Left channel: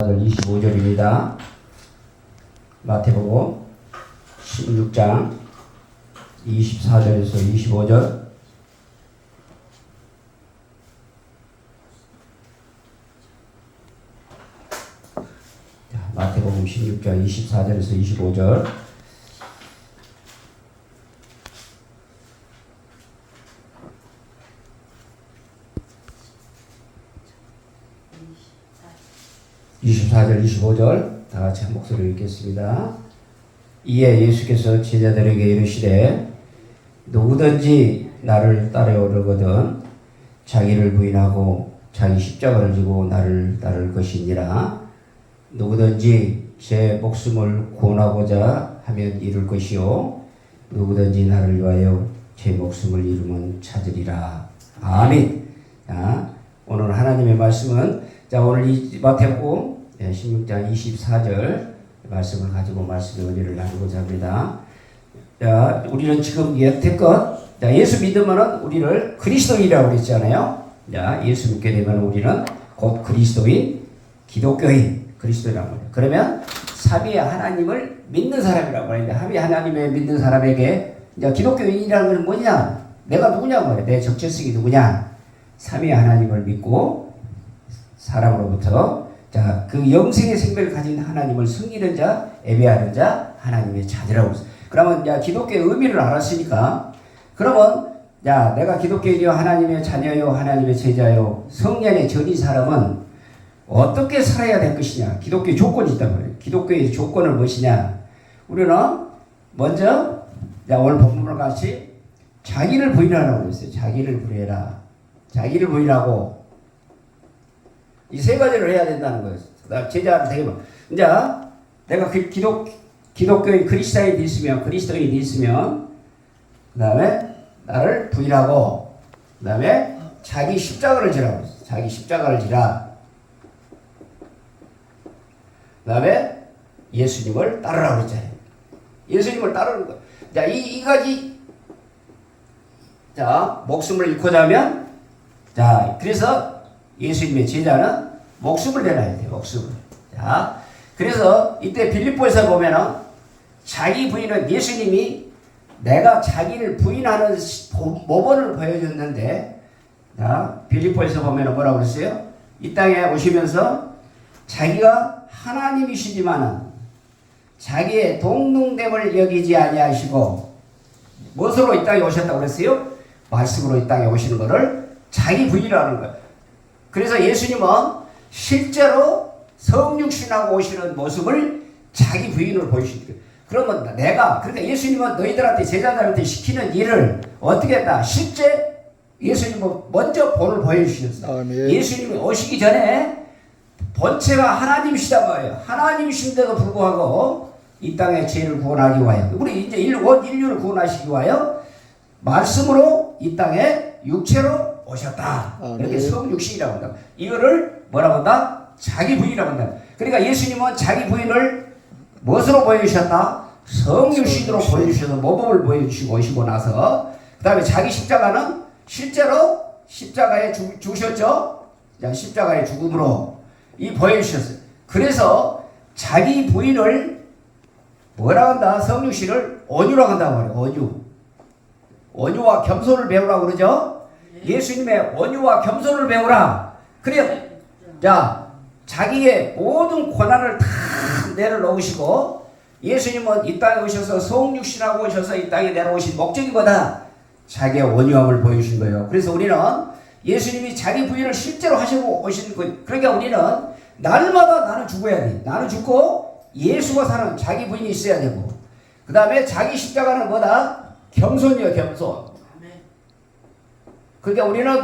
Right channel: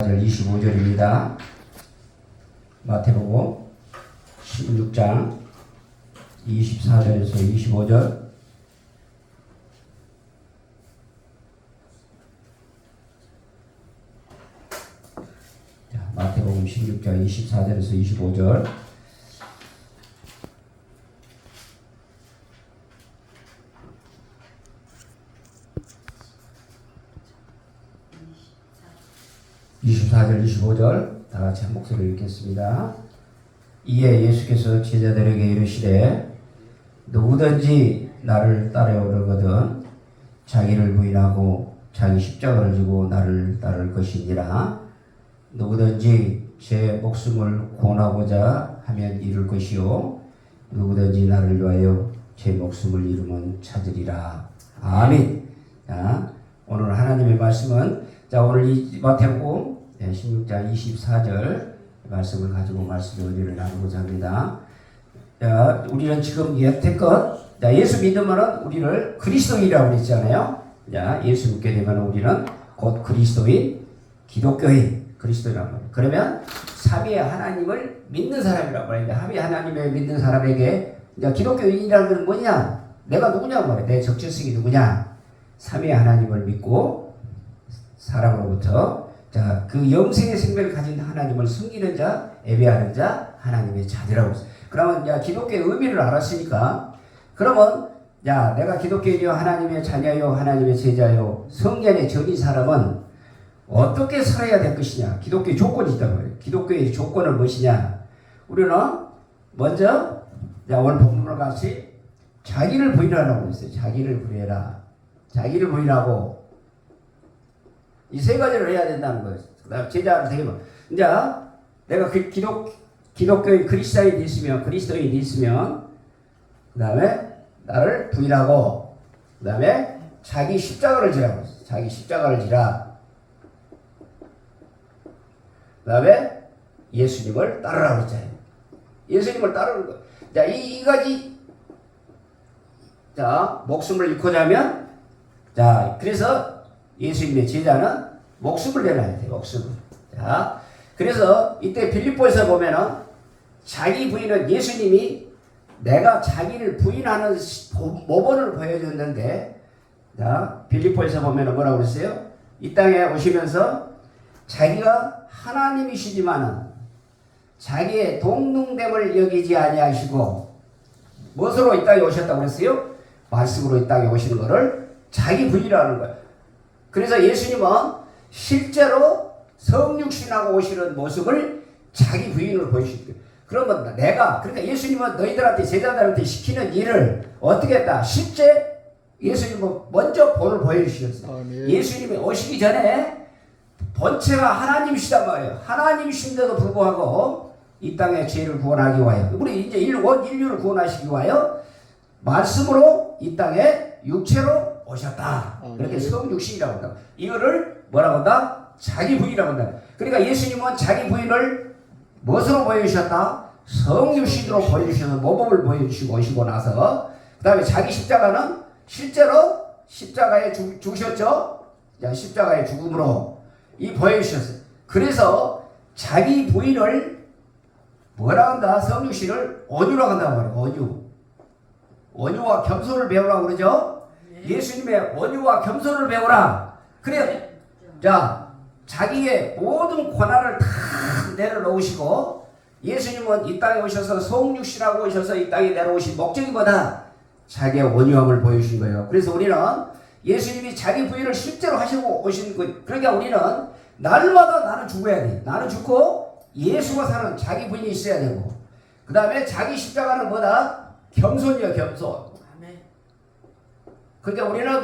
25절입니다. 마태복음 16장 24절에서 25절. 마태복음 16장 24절에서 25절. (24절) (25절) 다 같이 한 목소리로 읽겠습니다. 이에 예수께서 제자들에게 이르시되 누구든지 나를 따르려거든 자기를 부인하고 자기 십자가를 지고 나를 따를 것이니라. 누구든지 제 목숨을 구원하고자 하면 잃을 것이요 누구든지 나를 위하여 제 목숨을 잃으면 찾으리라. 아멘. 자, 오늘 하나님의 말씀은 오늘 이 마태복음 16장 24절 말씀을 가지고 말씀 연결을 하고자 합니다. 자, 우리는 지금 여태껏 예수 믿으면 우리를 그리스도인이라고 그랬잖아요. 자, 예수 믿게 되면 우리는 곧 그리스도인, 기독교인, 그리스도인이라고 해요. 그러면 삼위의 하나님을 믿는 사람이라고 하는데, 삼위 하나님을 믿는 사람에게 기독교인이라는 건 뭐냐? 내가 누구냐고 말해. 내 적절성이 누구냐? 삼위 하나님을 믿고 사람으로부터 그 영생의 생명을 가진 하나님을 섬기는 자, 예배하는 자, 하나님의 자녀라고 했어요. 그러면 기독교의 의미를 알았으니까, 그러면 내가 기독교인이요 하나님의 자녀요 하나님의 제자요 성년의 전인 사람은 어떻게 살아야 될 것이냐? 기독교의 조건이 있단 말이에요. 기독교의 조건은 무엇이냐? 우리는 먼저 오늘 본문과 같이 자기를 부인하라고 했어요. 자기를 부인해라. 자기를 부인하고 이 세 가지를 해야 된다는 거예요. 그다음 제자를 되면 이제 내가 기독교인 그리스도인이 있으면 그다음에 나를 부인하고 그다음에 자기 십자가를 지라고 했어요. 자기 십자가를 지라. 그다음에 예수님을 따르라고 했잖아요. 예수님을 따르는 거. 이 가지 목숨을 잃고자 하면 그래서 예수님의 제자는 목숨을 내놔야 돼요. 목숨을. 그래서 이때 빌립보에서 보면은 자기 부인은 예수님이 내가 자기를 부인하는 모범을 보여줬는데, 빌립보에서 보면은 뭐라고 그랬어요? 이 땅에 오시면서 자기가 하나님이시지만은 자기의 동등됨을 여기지 아니하시고 무엇으로 이 땅에 오셨다고 그랬어요? 말씀으로 이 땅에 오시는 것을 자기 부인이라는 거예요. 그래서 예수님은 실제로 성육신하고 오시는 모습을 자기 부인으로 보이시는 거예요. 그러면 그러니까 예수님은 너희들한테 제자들한테 시키는 일을 어떻게 했다? 실제 예수님은 먼저 본을 보여주셨어요. 예수님이 오시기 전에 본체가 하나님이시단 말이에요. 하나님이신데도 불구하고 이 땅에 죄를 구원하기 위하여, 우리 이제 인류를 구원하시기 위하여 말씀으로 이 땅에 육체로 오셨다. 이렇게 성육신이라고 한다. 이거를 뭐라고 한다? 자기 부인이라고 한다. 그러니까 예수님은 자기 부인을 무엇으로 보여주셨다? 성육신으로 보여주셔서 모범을 보여주시고 오시고 나서 그 다음에 자기 십자가는 실제로 십자가에 죽으셨죠? 십자가의 죽음으로 이 보여주셨어요. 그래서 자기 부인을 뭐라고 한다? 성육신을 온유라고 한다고 말해요. 온유와 겸손을 배우라고 그러죠? 예수님의 온유와 겸손을 배우라. 그래, 자기의 모든 고난을 다 내려놓으시고, 예수님은 이 땅에 오셔서 성육신하고 오셔서 이 땅에 내려오신 목적이 뭐다? 자기의 온유함을 보여주신 거예요. 그래서 우리는 예수님이 자기 부인을 실제로 하시고 오신 거예요. 그러니까 우리는 날마다 나는 죽어야 돼. 나는 죽고 예수가 사는 자기 부인이 있어야 되고, 그 다음에 자기 십자가는 뭐다? 겸손이요, 겸손. 그러니까 우리는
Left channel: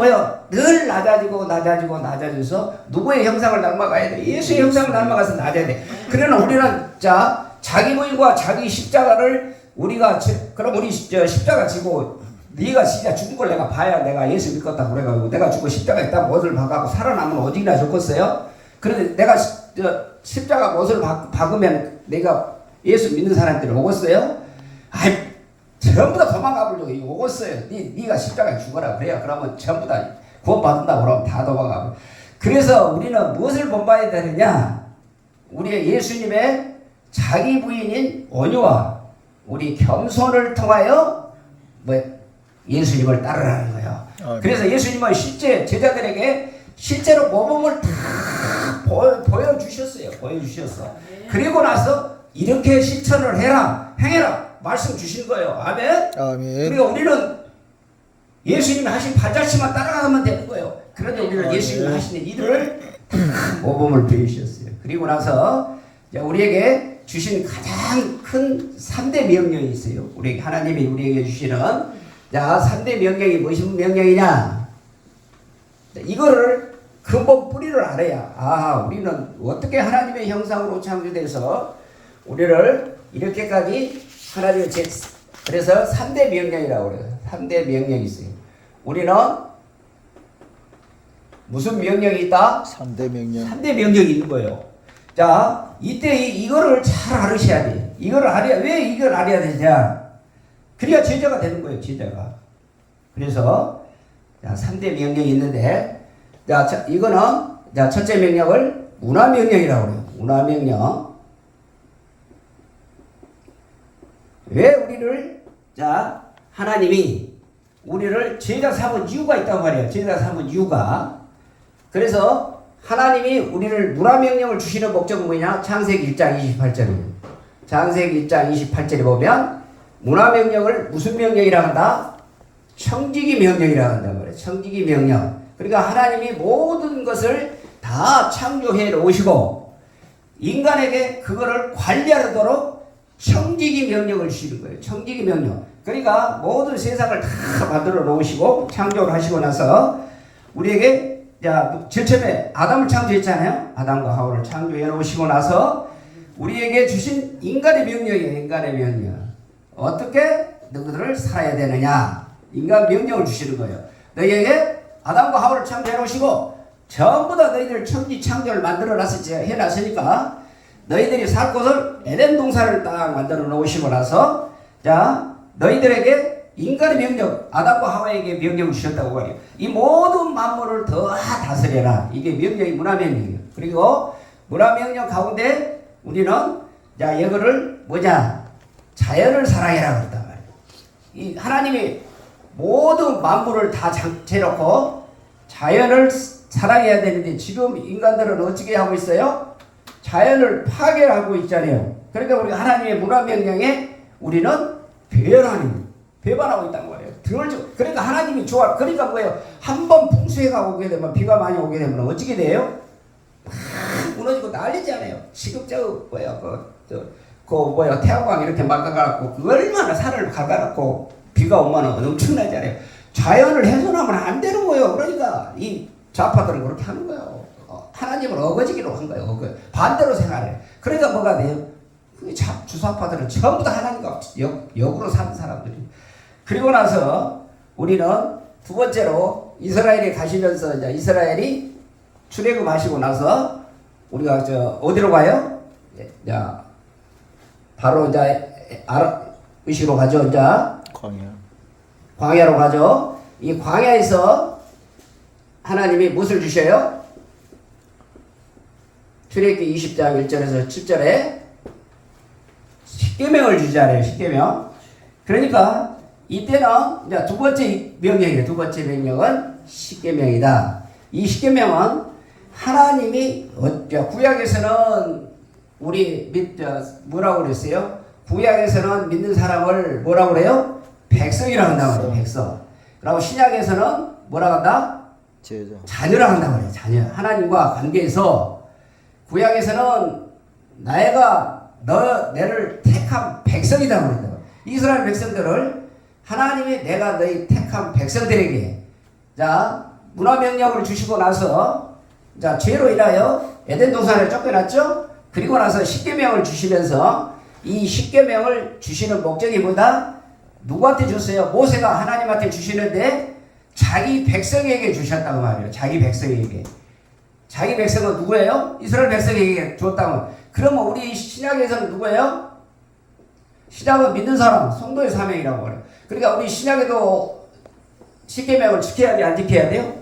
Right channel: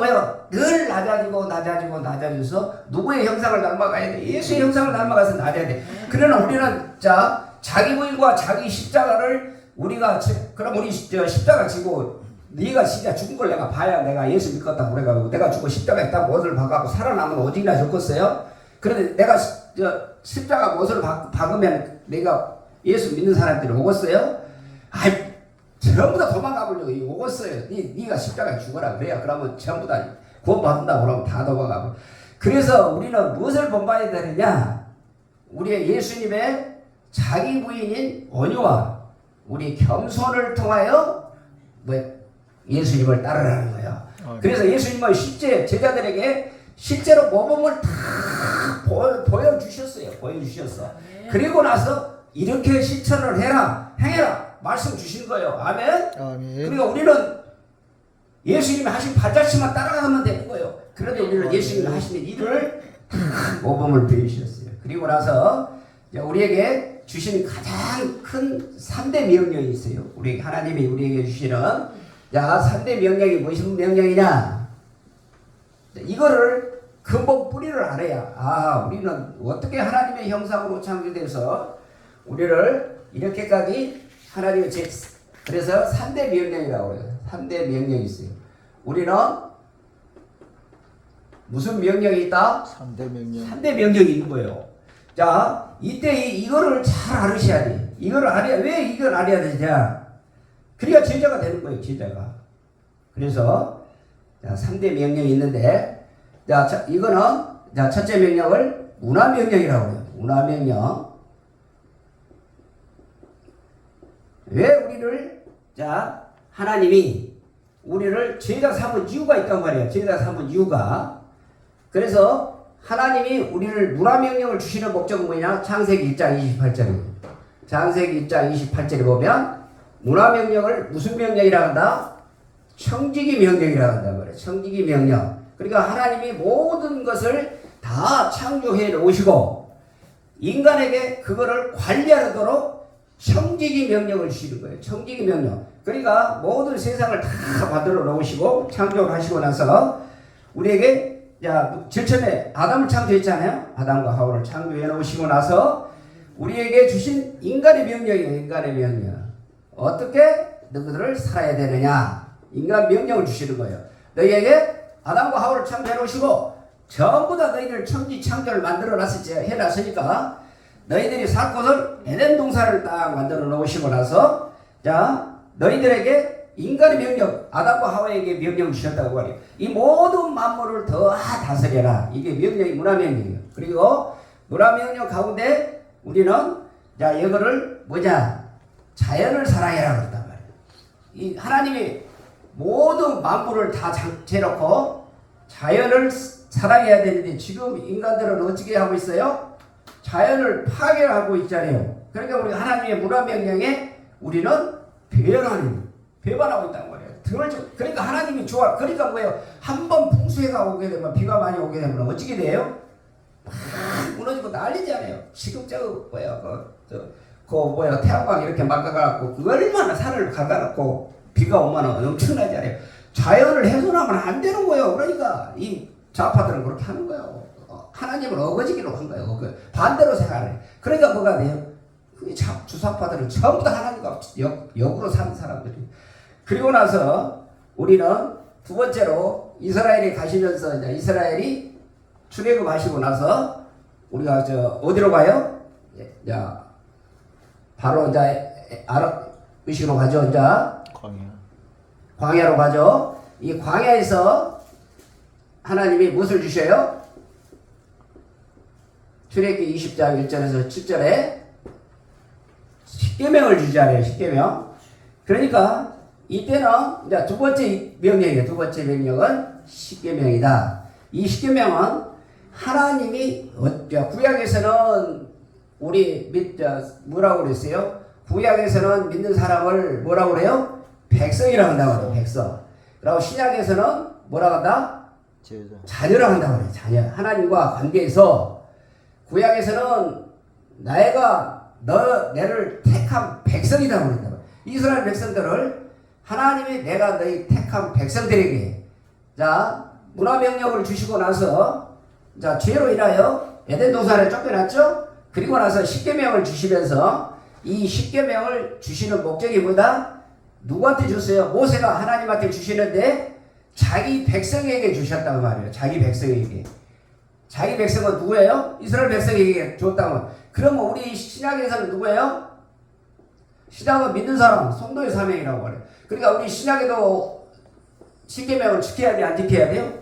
늘 낮아져서 누구의 형상을 닮아가야 돼? 예수의 형상을 닮아가서 낮아야 돼. 그러나 우리는 자기 부인과 자기 십자가를 그럼 우리 십자가 지고 네가 진짜 죽은 걸 내가 봐야 내가 예수 믿겠다 그래가지고 내가 죽고 십자가에 딱 못을 박아고 살아남으면 오직이나 좋겠어요? 그런데 내가 십자가 못을 박으면 내가 예수 믿는 사람들이 오겠어요? 전부 다 도망가 보려고 오겠어요. 네가 십자가에 죽어라 그래요. 그러면 전부 다 구원받는다고 그러면 다 도망가. 그래서 우리는 무엇을 본받아야 되느냐? 우리 예수님의 자기 부인인 온유와 우리 겸손을 통하여 예수님을 따르라는 거예요. 그래서 예수님은 실제 제자들에게 실제로 모범을 다 보여주셨어요. 그리고 나서 이렇게 실천을 해라, 행해라 말씀 주신 거예요. 아멘. 그러니까 우리는 예수님이 하신 발자취만 따라가면 되는 거예요. 그런데 우리는 예수님이 하시는 일을 다 모범을 보여주셨어요. 그리고 나서 우리에게 주신 가장 큰 3대 명령이 있어요. 우리 하나님이 우리에게 주시는 3대 명령이 무슨 명령이냐? 이거를 근본 뿌리를 알아야 우리는 어떻게 하나님의 형상으로 창조돼서 우리를 이렇게까지 하나님의 그래서 3대 명령이라고 그래요. 3대 명령이 있어요. 우리는 무슨 명령이 있다? 3대 명령. 3대 명령이 있는 거예요. 자, 이때 이거를 잘 알으셔야 돼. 이걸 알아야, 왜 이걸 알아야 되냐? 그래야 제자가 되는 거예요, 제자가. 그래서, 3대 명령이 있는데, 이거는, 첫째 명령을 문화명령이라고 해요. 문화명령. 왜 우리를, 하나님이 우리를 제자 삼은 이유가 있단 말이에요. 제자 삼은 이유가. 그래서 하나님이 우리를 문화명령을 주시는 목적은 뭐냐? 창세기 1장 28절입니다. 창세기 1장 28절에 보면 문화명령을 무슨 명령이라고 한다? 청지기 명령이라고 한단 말이에요. 청지기 명령. 그러니까 하나님이 모든 것을 다 창조해 놓으시고 인간에게 그거를 관리하도록 청지기 명령을 주시는 거예요. 청지기 명령. 그러니까 모든 세상을 다 만들어 놓으시고 창조를 하시고 나서 우리에게 제일 처음에 아담을 창조했잖아요. 아담과 하와를 창조해 놓으시고 나서 우리에게 주신 인간의 명령이에요. 인간의 명령. 어떻게 너희들을 살아야 되느냐. 인간 명령을 주시는 거예요. 너희에게 아담과 하와를 창조해 놓으시고 전부 다 너희들 천지 창조를 만들어 해놨으니까 너희들이 살 곳을 에덴 동산을 딱 만들어 놓으시고 나서 너희들에게 인간의 명령, 아담과 하와에게 명령을 주셨다고 말이에요. 이 모든 만물을 다 다스려라. 이게 명령이 문화명령이에요. 그리고 문화명령 가운데 우리는 이거를 자연을 사랑해라 그랬단 말이에요. 이 하나님이 모든 만물을 다 재놓고 자연을 사랑해야 되는데 지금 인간들은 어떻게 하고 있어요? 자연을 파괴하고 있잖아요. 그러니까 우리 하나님의 문화명령에 우리는 배반하고 있다는 거예요. 그러니까 하나님이 좋아. 그러니까 뭐예요? 한번 풍수해가 오게 되면, 비가 많이 오게 되면 어떻게 돼요? 막 무너지고 난리잖아요. 지금 태양광 이렇게 막아갖고 얼마나 산을 갈아갖고 비가 오면 엄청나잖아요. 자연을 훼손하면 안 되는 거예요. 그러니까 이 좌파들은 그렇게 하는 거예요. 하나님을 어거지기로 한 거예요. 반대로 생각해. 그러니까 뭐가 돼요? 주사파들은 전부 다 하나님과 역으로 사는 사람들이. 그리고 나서 우리는 두 번째로 이스라엘이 가시면서 이스라엘이 출애굽하시고 나서 우리가 어디로 가요? 바로 의식으로 가죠. 광야로 가죠. 이 광야에서 하나님이 무엇을 주셔요? 출애굽기 20장 1절에서 7절에 십계명을 주잖아요. 십계명. 그러니까 이때는 두 번째 명령이에요. 두 번째 명령은 십계명이다. 이 십계명은 하나님이 구약에서는 뭐라고 그랬어요? 구약에서는 믿는 사람을 뭐라고 그래요? 백성이라고 한다고 그래요. 백성. 그리고 신약에서는 뭐라고 한다? 자녀라고 한다고 그래요. 자녀. 하나님과 관계에서 구약에서는 너를 택한 백성이라고 그랬다. 이스라엘 백성들을 하나님이 내가 너희 택한 백성들에게 문화명령을 주시고 나서 죄로 인하여 에덴 동산에 쫓겨났죠. 그리고 나서 십계명을 주시면서 이 십계명을 주시는 목적이 뭐다? 누구한테 줬어요? 모세가 하나님한테 주시는데 자기 백성에게 주셨다고 말이에요. 자기 백성에게. 자기 백성은 누구예요? 이스라엘 백성에게 줬다고. 그러면 우리 신약에서는 누구예요? 신약은 믿는 사람, 성도의 사명이라고 그래요. 그러니까 우리 신약에도 십계명을 지켜야 돼, 안 지켜야 돼요?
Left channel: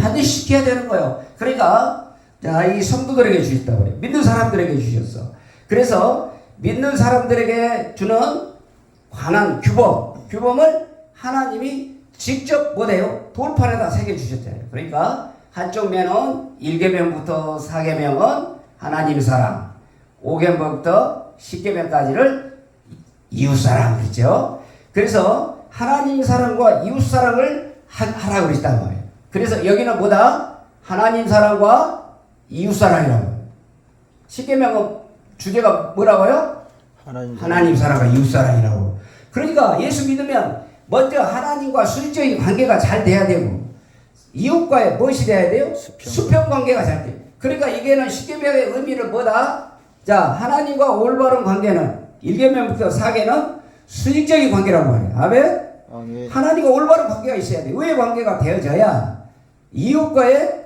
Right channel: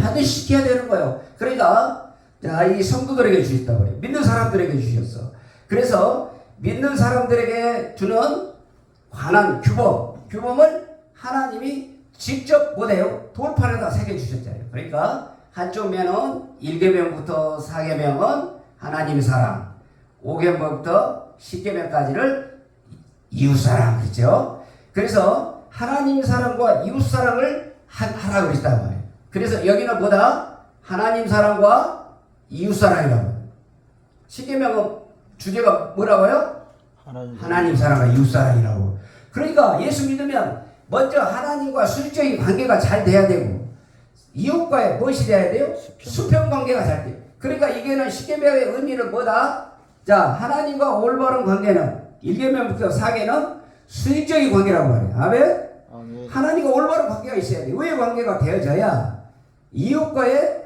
반드시 지켜야 되는 거예요. 그러니까 자, 이 성도들에게 주셨다고 그래요. 믿는 사람들에게 주셨어. 그래서 믿는 사람들에게 주는 관한 규범을 하나님이 직접 뭐래요? 돌판에다 새겨주셨잖아요. 그러니까 한쪽 면은 1계명부터 4계명은 하나님 사랑, 5계명부터 10계명까지를 이웃사랑 그랬죠. 그래서 하나님 사랑과 이웃사랑을 하라고 그랬단 말이에요. 그래서 여기는 뭐다? 하나님 사랑과 이웃사랑이라고요. 10계명은 주제가 뭐라고요? 하나님 사랑과 이웃사랑이라고. 그러니까 예수 믿으면 먼저 하나님과 수직적인 관계가 잘 돼야 되고 이웃과의 무엇이 돼야 돼요? 수평 관계가 잘 돼요. 그러니까 이게는 10계명의 의미는 뭐다? 자, 하나님과 올바른 관계는 1계명부터 4계는 수직적인 관계라고 말해요. 아멘? 아멘. 하나님과 올바른 관계가 있어야 돼요. 왜 관계가 되어져야 이웃과의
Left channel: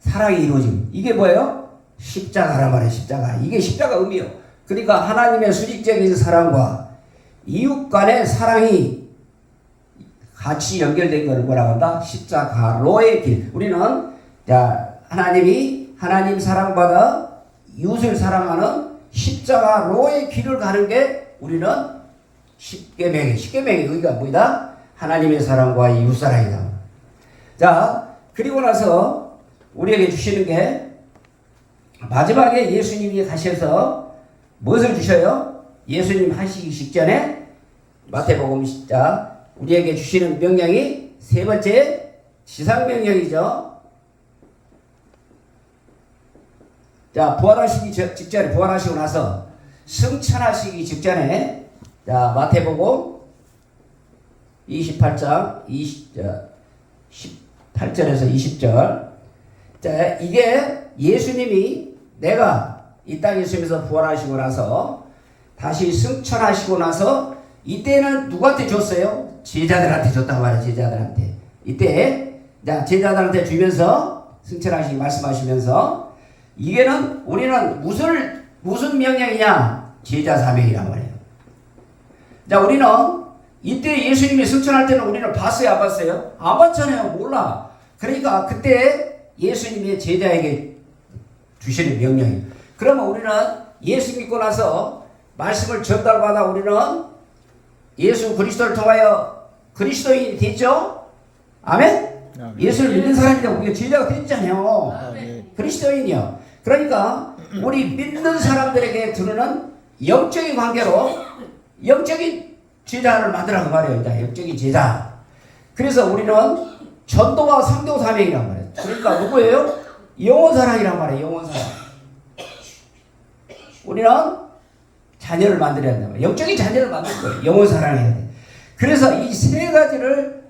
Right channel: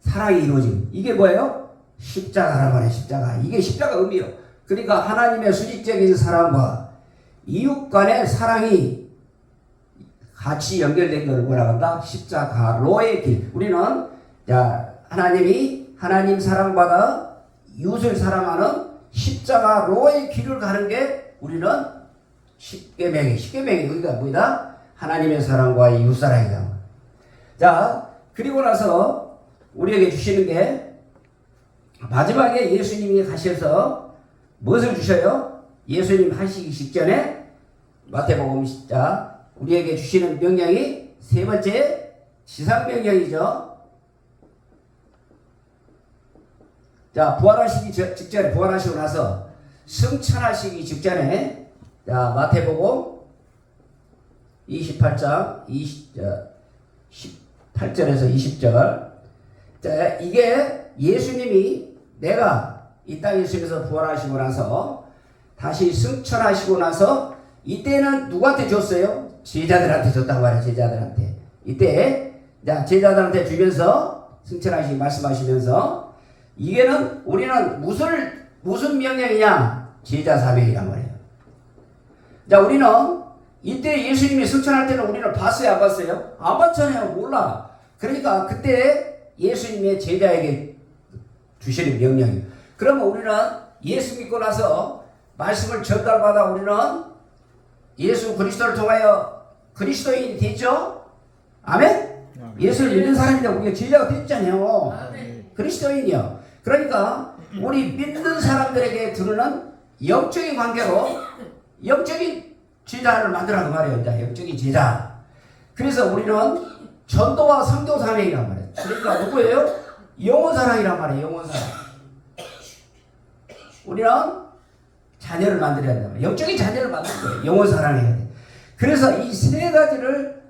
사랑이 이루어지고 이게 뭐예요? 십자가란 말이에요. 십자가. 이게 십자가 의미예요. 그러니까 하나님의 수직적인 사랑과 이웃 간의 사랑이 같이 연결된 걸 뭐라고 한다? 십자가로의 길. 우리는 자, 하나님이 하나님 사랑받아 이웃을 사랑하는 십자가로의 길을 가는 게 우리는 10계명의 의미가 뭐다? 하나님의 사랑과 이웃 사랑이다. 자, 그리고 나서 우리에게 주시는 게 마지막에 예수님이 가셔서 무엇을 주셔요? 예수님 하시기 직전에 마태복음 10장 우리에게 주시는 명령이 세 번째 지상명령이죠. 자, 부활하시기 직전에 부활하시고 나서 승천하시기 직전에 자, 마태복음 28장 18절에서 20절. 자, 이게 예수님이 내가 이 땅에 있으면서 부활하시고 나서 다시 승천하시고 나서 이때는 누구한테 줬어요? 제자들한테 줬단 말이에요. 제자들한테. 이때 제자들한테 주면서 승천하시기 말씀하시면서 이게는 우리는 무슨 명령이냐? 제자 사명이란 말이에요. 자, 우리는 이때 예수님이 승천할 때는 우리는 봤어요? 안 봤어요? 안 봤잖아요. 몰라. 그러니까 그때 예수님의 제자에게 주시는 명령이에요. 그러면 우리는 예수 믿고 나서 말씀을 전달받아 우리는 예수 그리스도를 통하여 그리스도인이 됐죠? 아멘? 예수를 믿는 사람이라고 우리가 제자가 됐잖아요. 그리스도인이요. 그러니까 우리 믿는 사람들에게 드리는 영적인 관계로 영적인 제자를 만들라고 말해요. 영적인 제자. 그래서 우리는 전도와 선교 사명이란 말이에요. 그러니까 누구예요? 영혼사랑이란 말이에요. 영혼사랑. 우리는 자녀를 만들어야 된다. 영적인 자녀를 만들 거예요. 영혼사랑해야 돼. 그래서 이 세 가지를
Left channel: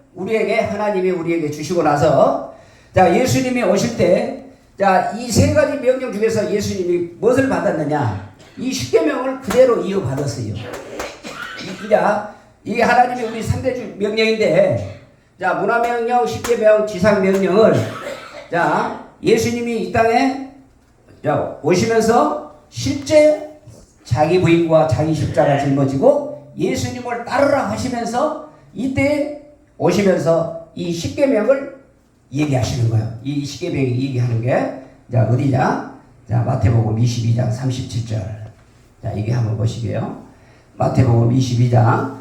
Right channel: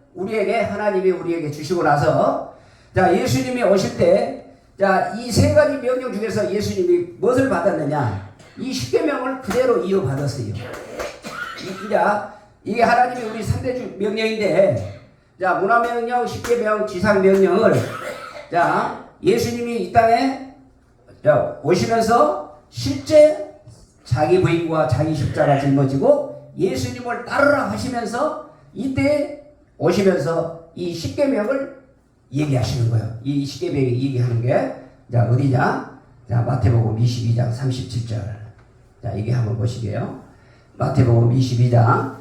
하나님이 우리에게 주시고 나서 자, 예수님이 오실 때 자, 이 세 가지 명령 중에서 예수님이 무엇을 받았느냐? 이 10계명을 그대로 이어받았어요. 이게 하나님이 우리 3대 명령인데 자, 문화명령, 10계명, 지상명령을 자, 예수님이 이 땅에 자, 오시면서 실제 자기 부인과 자기 십자가 짊어지고 예수님을 따르라 하시면서 이때 오시면서 이 10계명을 얘기하시는 거예요. 이 10계명이 얘기하는 게 자, 어디냐? 자, 마태복음 22장 37절. 자, 이게 한번 보시게요. 마태복음 22장.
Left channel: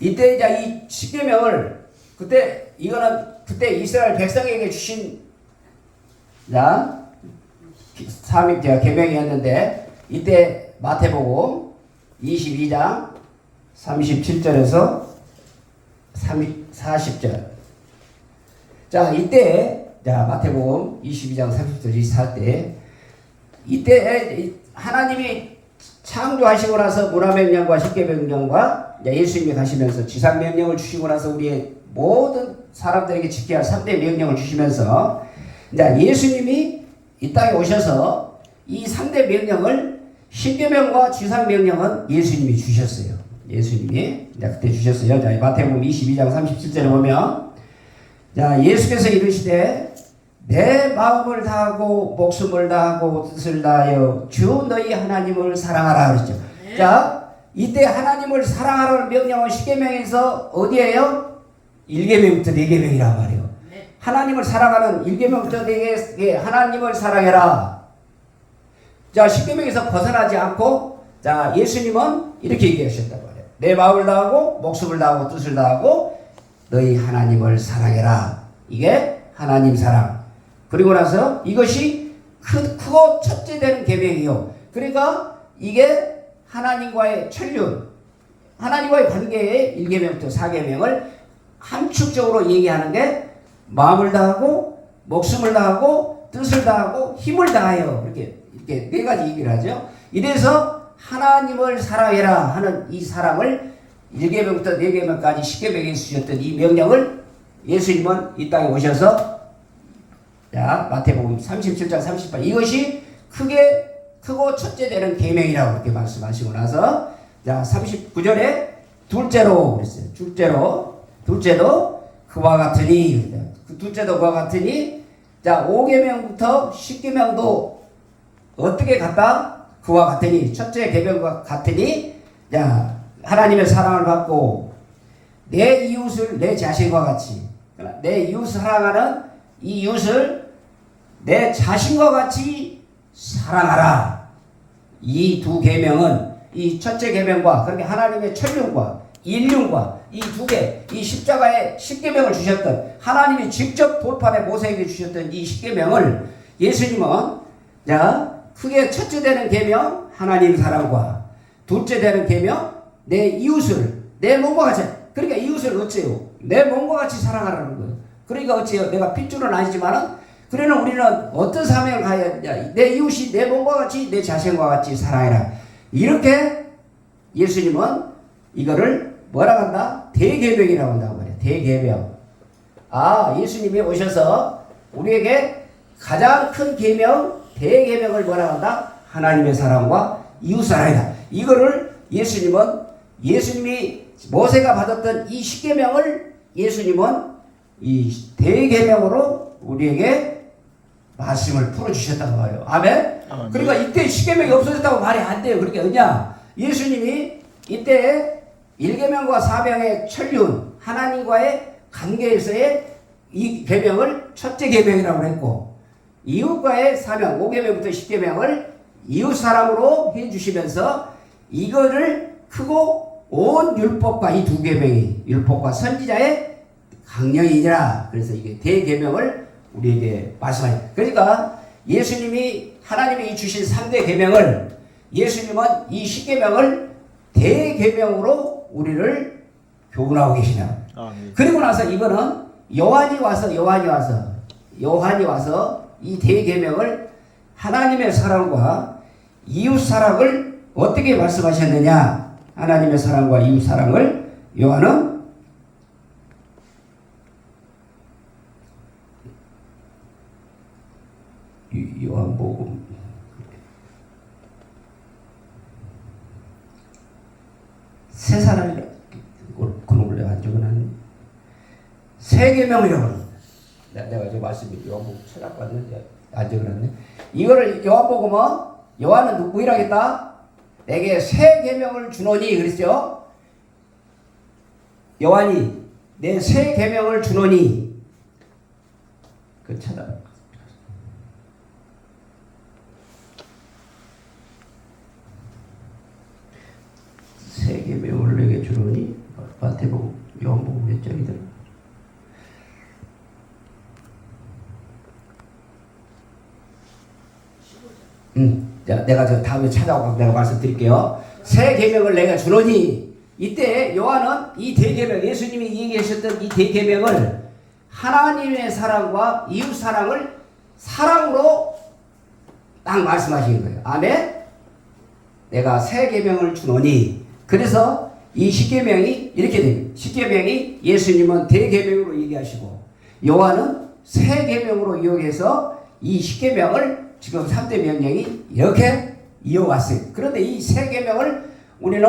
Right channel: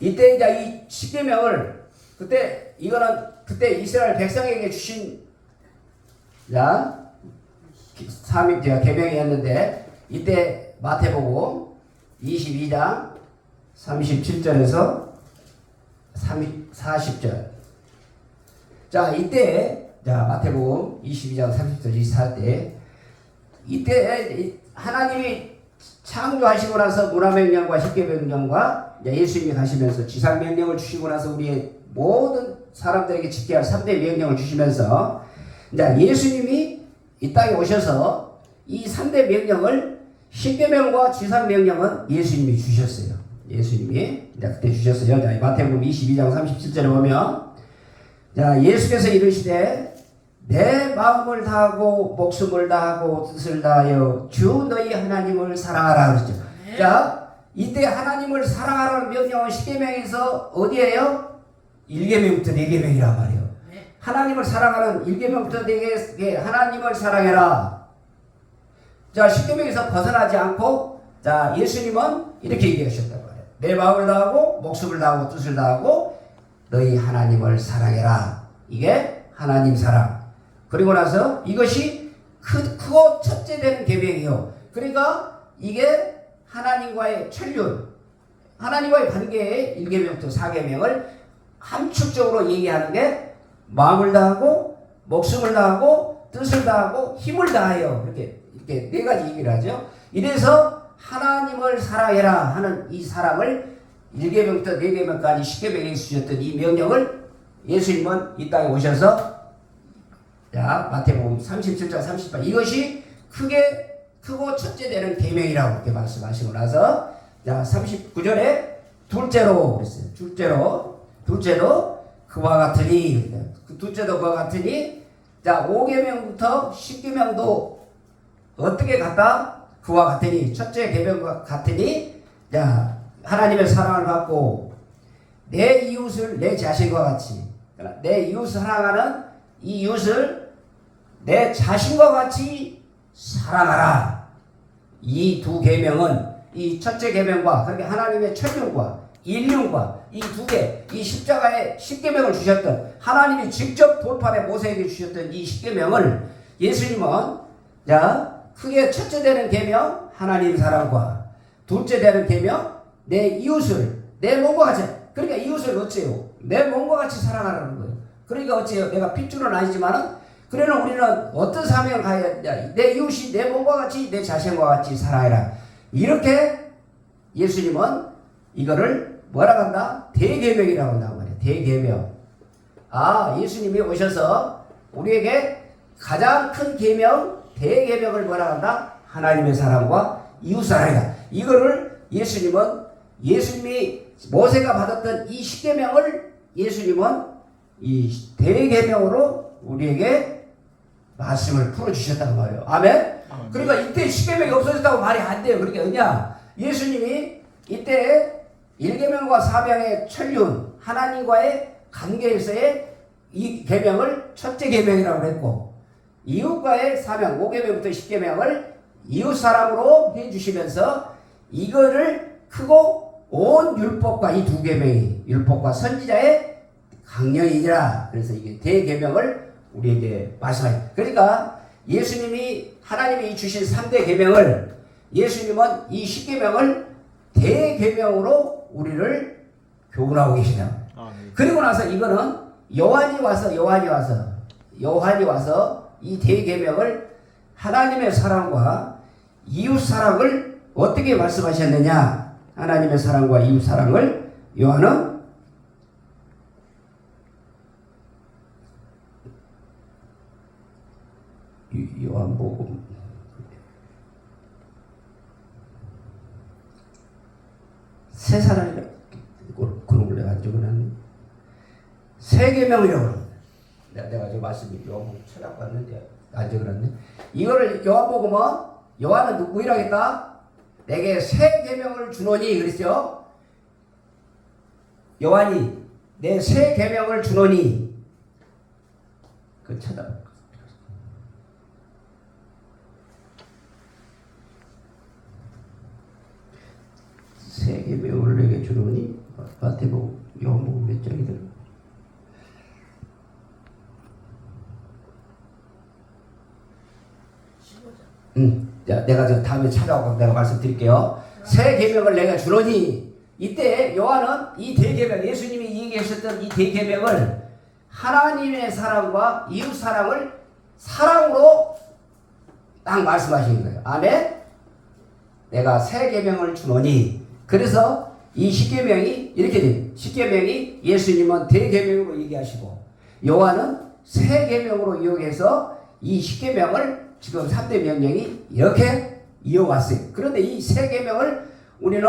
이때 이제 이 10계명을 그때 이스라엘 백성에게 주신 자, 계명이었는데 이때 마태복음 22장 37절에서 40절. 자, 이때 자, 마태복음 22장 30절 24때 이때 하나님이 창조하시고 나서 문화명령과 10계명령과 예수님이 가시면서 지상명령을 주시고 나서 우리의 모든 사람들에게 지켜야 할 3대 명령을 주시면서 예수님이 이 땅에 오셔서 이 3대 명령을 10계명과 지상명령은 예수님이 주셨어요. 예수님이 그때 주셨어요. 자, 마태복음 22장 37절에 보면 자, 예수께서 이르시되 내 마음을 다하고 목숨을 다하고 뜻을 다하여 주 너희 하나님을 사랑하라 그랬죠. 네. 자, 이때 하나님을 사랑하라는 명령은 10계명에서 어디에요? 1계명부터 4계명이란 말이에요. 네. 하나님을 사랑하는 1계명부터 되게 하나님을 사랑해라. 자, 10계명에서 벗어나지 않고, 자, 예수님은 이렇게 얘기하셨단 말이에요. 내 마음을 다하고 목숨을 다하고 뜻을 다하고 너희 하나님을 사랑해라. 이게 하나님 사랑. 그리고 나서 이것이 크고 첫째 되는 계명이요. 그러니까 이게 하나님과의 천륜, 하나님과의 관계의 1계명부터 4계명을 함축적으로 얘기하는 게 마음을 다하고 목숨을 다하고 뜻을 다하고 힘을 다하여 이렇게 네 가지 얘기를 하죠. 이래서 하나님을 사랑해라 하는 이 사랑을 1계명부터 4계명까지 10계명에 주셨던 이 명령을 예수님은 이 땅에 오셔서, 자, 마태복음 37장 38 이것이 크고 첫째 되는 계명이라고 이렇게 말씀하시고 나서, 자, 39절에 둘째로 그랬어요. 둘째도 그와 같으니, 둘째도 그와 같으니, 자, 5계명부터 10계명도 어떻게 같다? 그와 같으니, 첫째 계명과 같으니, 자, 하나님의 사랑을 받고 내 이웃을 내 자신과 같이, 내 이웃을 사랑하는 이 이웃을 내 자신과 같이 사랑하라. 이 두 계명은 이 첫째 계명과, 그러니까 하나님의 천륜과 인륜과 이 두 개, 이 십자가의 10계명을 주셨던, 하나님이 직접 돌판에 모세에게 주셨던 이 10계명을 예수님은, 자, 크게 첫째 되는 계명 하나님 사랑과, 둘째 되는 계명 내 이웃을 내 몸과 같이, 그러니까 이웃을 어째요? 내 몸과 같이 사랑하라는 거예요. 그러니까 어째요? 내가 핏줄은 아니지만은, 그러나 우리는 어떤 사명을 가야 되냐? 내 이웃이 내 몸과 같이 내 자신과 같이 사랑해라. 이렇게 예수님은 이거를 뭐라 한다? 대계명이라고 한다고 해요. 대계명. 아, 예수님이 오셔서 우리에게 가장 큰 계명, 대계명을 뭐라 한다? 하나님의 사랑과 이웃 사랑이다. 이거를 예수님이 모세가 받았던 이 10계명을 예수님은 이 대계명으로 우리에게 말씀을 풀어주셨다는 거예요. 아멘? 그러니까 이때 10계명이 없어졌다고 말이 안 돼요. 그러니까 뭐냐? 예수님이 이때 1계명과 4계명의 천륜, 하나님과의 관계에서의 이 계명을 첫째 계명이라고 했고, 이웃과의 사명, 5계명부터 10계명을 이웃 사랑으로 해주시면서 이거를 크고 온 율법과 이 두 계명이 율법과 선지자의 강령이니라. 그래서 이게 대계명을 우리에게 말씀하죠. 그러니까 예수님이, 하나님이 주신 3대 계명을, 예수님은 이 10계명을 대계명으로 우리를 교훈하고 계시냐. 그리고 나서 이거는 요한이 와서 이 대계명을, 하나님의 사랑과 이웃 사랑을 어떻게 말씀하셨느냐. 하나님의 사랑과 이웃 사랑을 요한은 요한복음 세 사람이 그런 걸 안 적어놨네. 세 계명이라고 합니다. 내가 저 말씀이 요한복음 찾아봤는데 안 적어놨네. 이거를 요한복음은 요한은 누구이라 했다? 내게 새 계명을 주노니 그랬죠. 요한이 내 새 계명을 주노니, 그 찾아봐. 새 계명을 내게 주노니, 마태복음, 요한복음 몇 장이더라? 내가 저 다음에 찾아오고 내가 말씀드릴게요. 새 계명을 내가 주노니, 이때 요한은 이 대계명, 예수님이 얘기하셨던 이 대계명을 하나님의 사랑과 이웃 사랑을 사랑으로 딱 말씀하시는 거예요. 아멘? 내가 새 계명을 주노니. 그래서 이 10계명이 이렇게 됩니다. 10계명이 예수님은 대계명으로 얘기하시고 요한은 새 계명으로 이용해서 이 10계명을 지금 3대 명령이 이렇게 이어왔어요. 그런데 이 세 계명을 우리는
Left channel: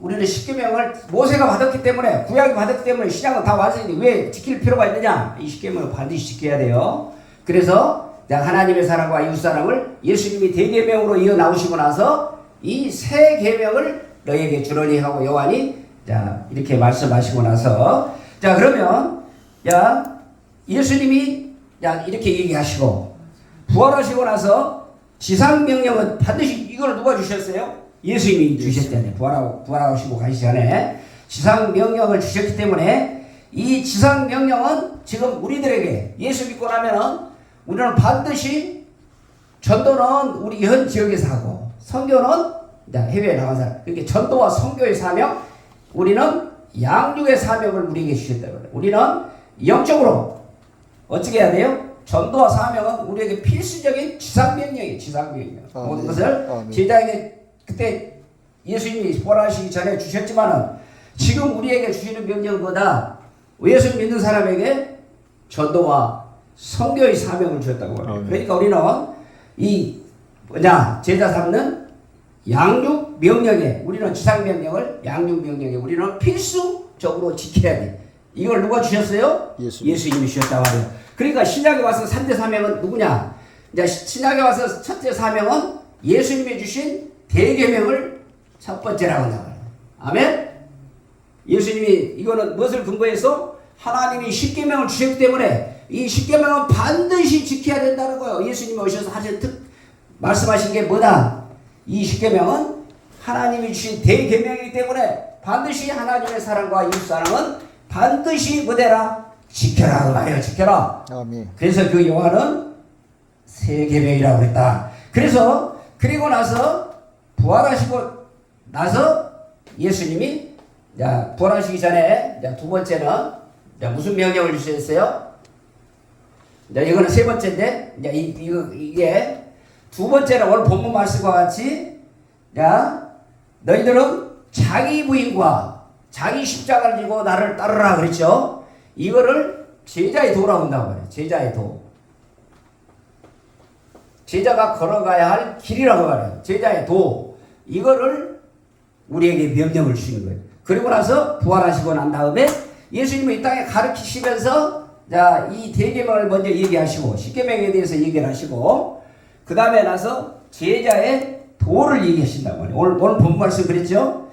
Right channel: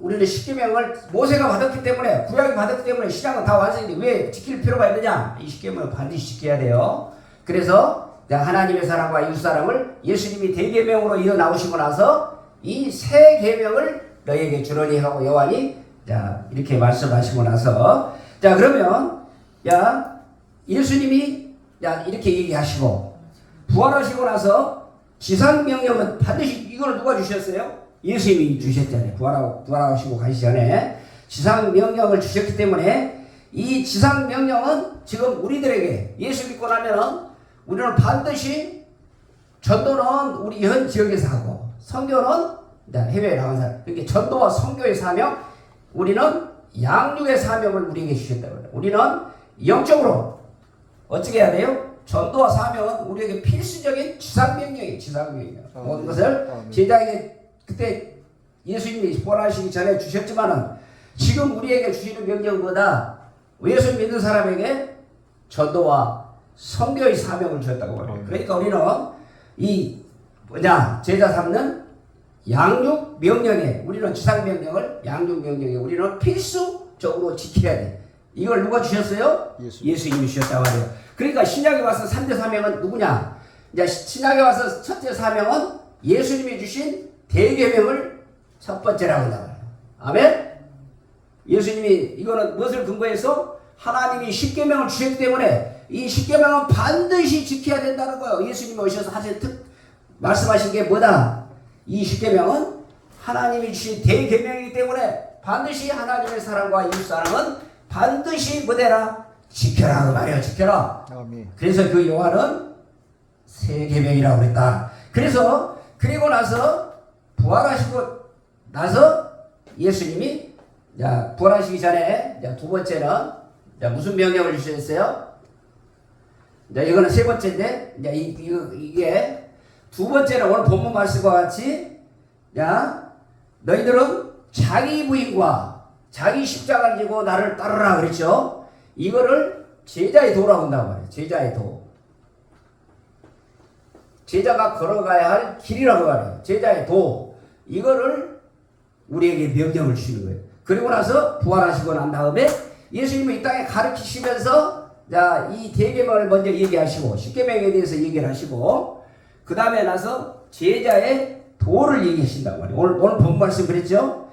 10계명을 모세가 받았기 때문에, 구약이 받았기 때문에 신약은 다 완성인데 왜 지킬 필요가 있느냐? 이 10계명을 반드시 지켜야 돼요. 그래서 하나님의 사랑과 이웃 사랑을 예수님이 대계명으로 이어 나오시고 나서 이 세 계명을 너에게 주노니 하고 요한이 이렇게 말씀하시고 나서, 자, 그러면 예수님이 이렇게 얘기하시고 부활하시고 나서 지상명령은 반드시 이걸 누가 주셨어요? 예수님이 주셨잖아요. 부활하시고 가시기 전에 지상명령을 주셨기 때문에 이 지상명령은 지금 우리들에게 예수 믿고 나면은 우리는 반드시 전도는 우리 현 지역에서 하고 선교는 해외에 나간 사람. 그렇게 전도와 선교의 사명, 우리는 양육의 사명을 우리에게 주셨다고 해요. 우리는 영적으로 어떻게 해야 돼요? 전도와 사명은 우리에게 필수적인 지상명령이에요. 지상명령. 모든 것을 제자에게 그때 예수님이 부활하시기 전에 주셨지만은 지금 우리에게 주시는 명령보다 예수 믿는 사람에게 전도와 선교의 사명을 주셨다고 해요. 그러니까 우리는 이 제자 삼는 양육 명령에 우리는 지상 명령을 양육 명령에 우리는 필수적으로 지켜야 돼. 이걸 누가 주셨어요? 예수님이 주셨다고 하네요. 그러니까 신약에 와서 3대 사명은 누구냐? 이제 신약에 와서 첫째 사명은 예수님이 주신 대계명을 첫 번째라고 나와요. 아멘. 예수님이 이거는 무엇을 근거해서 하나님이 십계명을 주셨기 때문에 이 십계명은 반드시 지켜야 된다는 거예요. 예수님이 오셔서 말씀하신 게 뭐다? 이 십계명은 하나님이 주신 대계명이기 때문에 반드시 하나님의 사랑과 이웃 사랑은 반드시 뭐되라? 지켜라 그 말이에요. 지켜라. 아멘. 그래서 그 요한은 세 계명이라고 그랬다. 그래서 그리고 나서 부활하시고 나서 예수님이 부활하시기 전에 두 번째는 무슨 명령을 주셨어요? 이거는 세 번째인데 이게 두 번째는 오늘 본문 말씀과 같이 너희들은 자기 부인과 자기 십자가를 지고 나를 따르라 그랬죠. 이거를 제자의 도라고 한다고 해요. 제자의 도. 제자가 걸어가야 할 길이라고 말해요. 제자의 도. 이거를 우리에게 명령을 주시는 거예요. 그리고 나서 부활하시고 난 다음에 예수님은 이 땅에 가르치시면서 이 대계명을 먼저 얘기하시고 십계명에 대해서 얘기를 하시고 그 다음에 나서 제자의 도를 얘기하신다고 해요. 오늘 본문 말씀 그랬죠?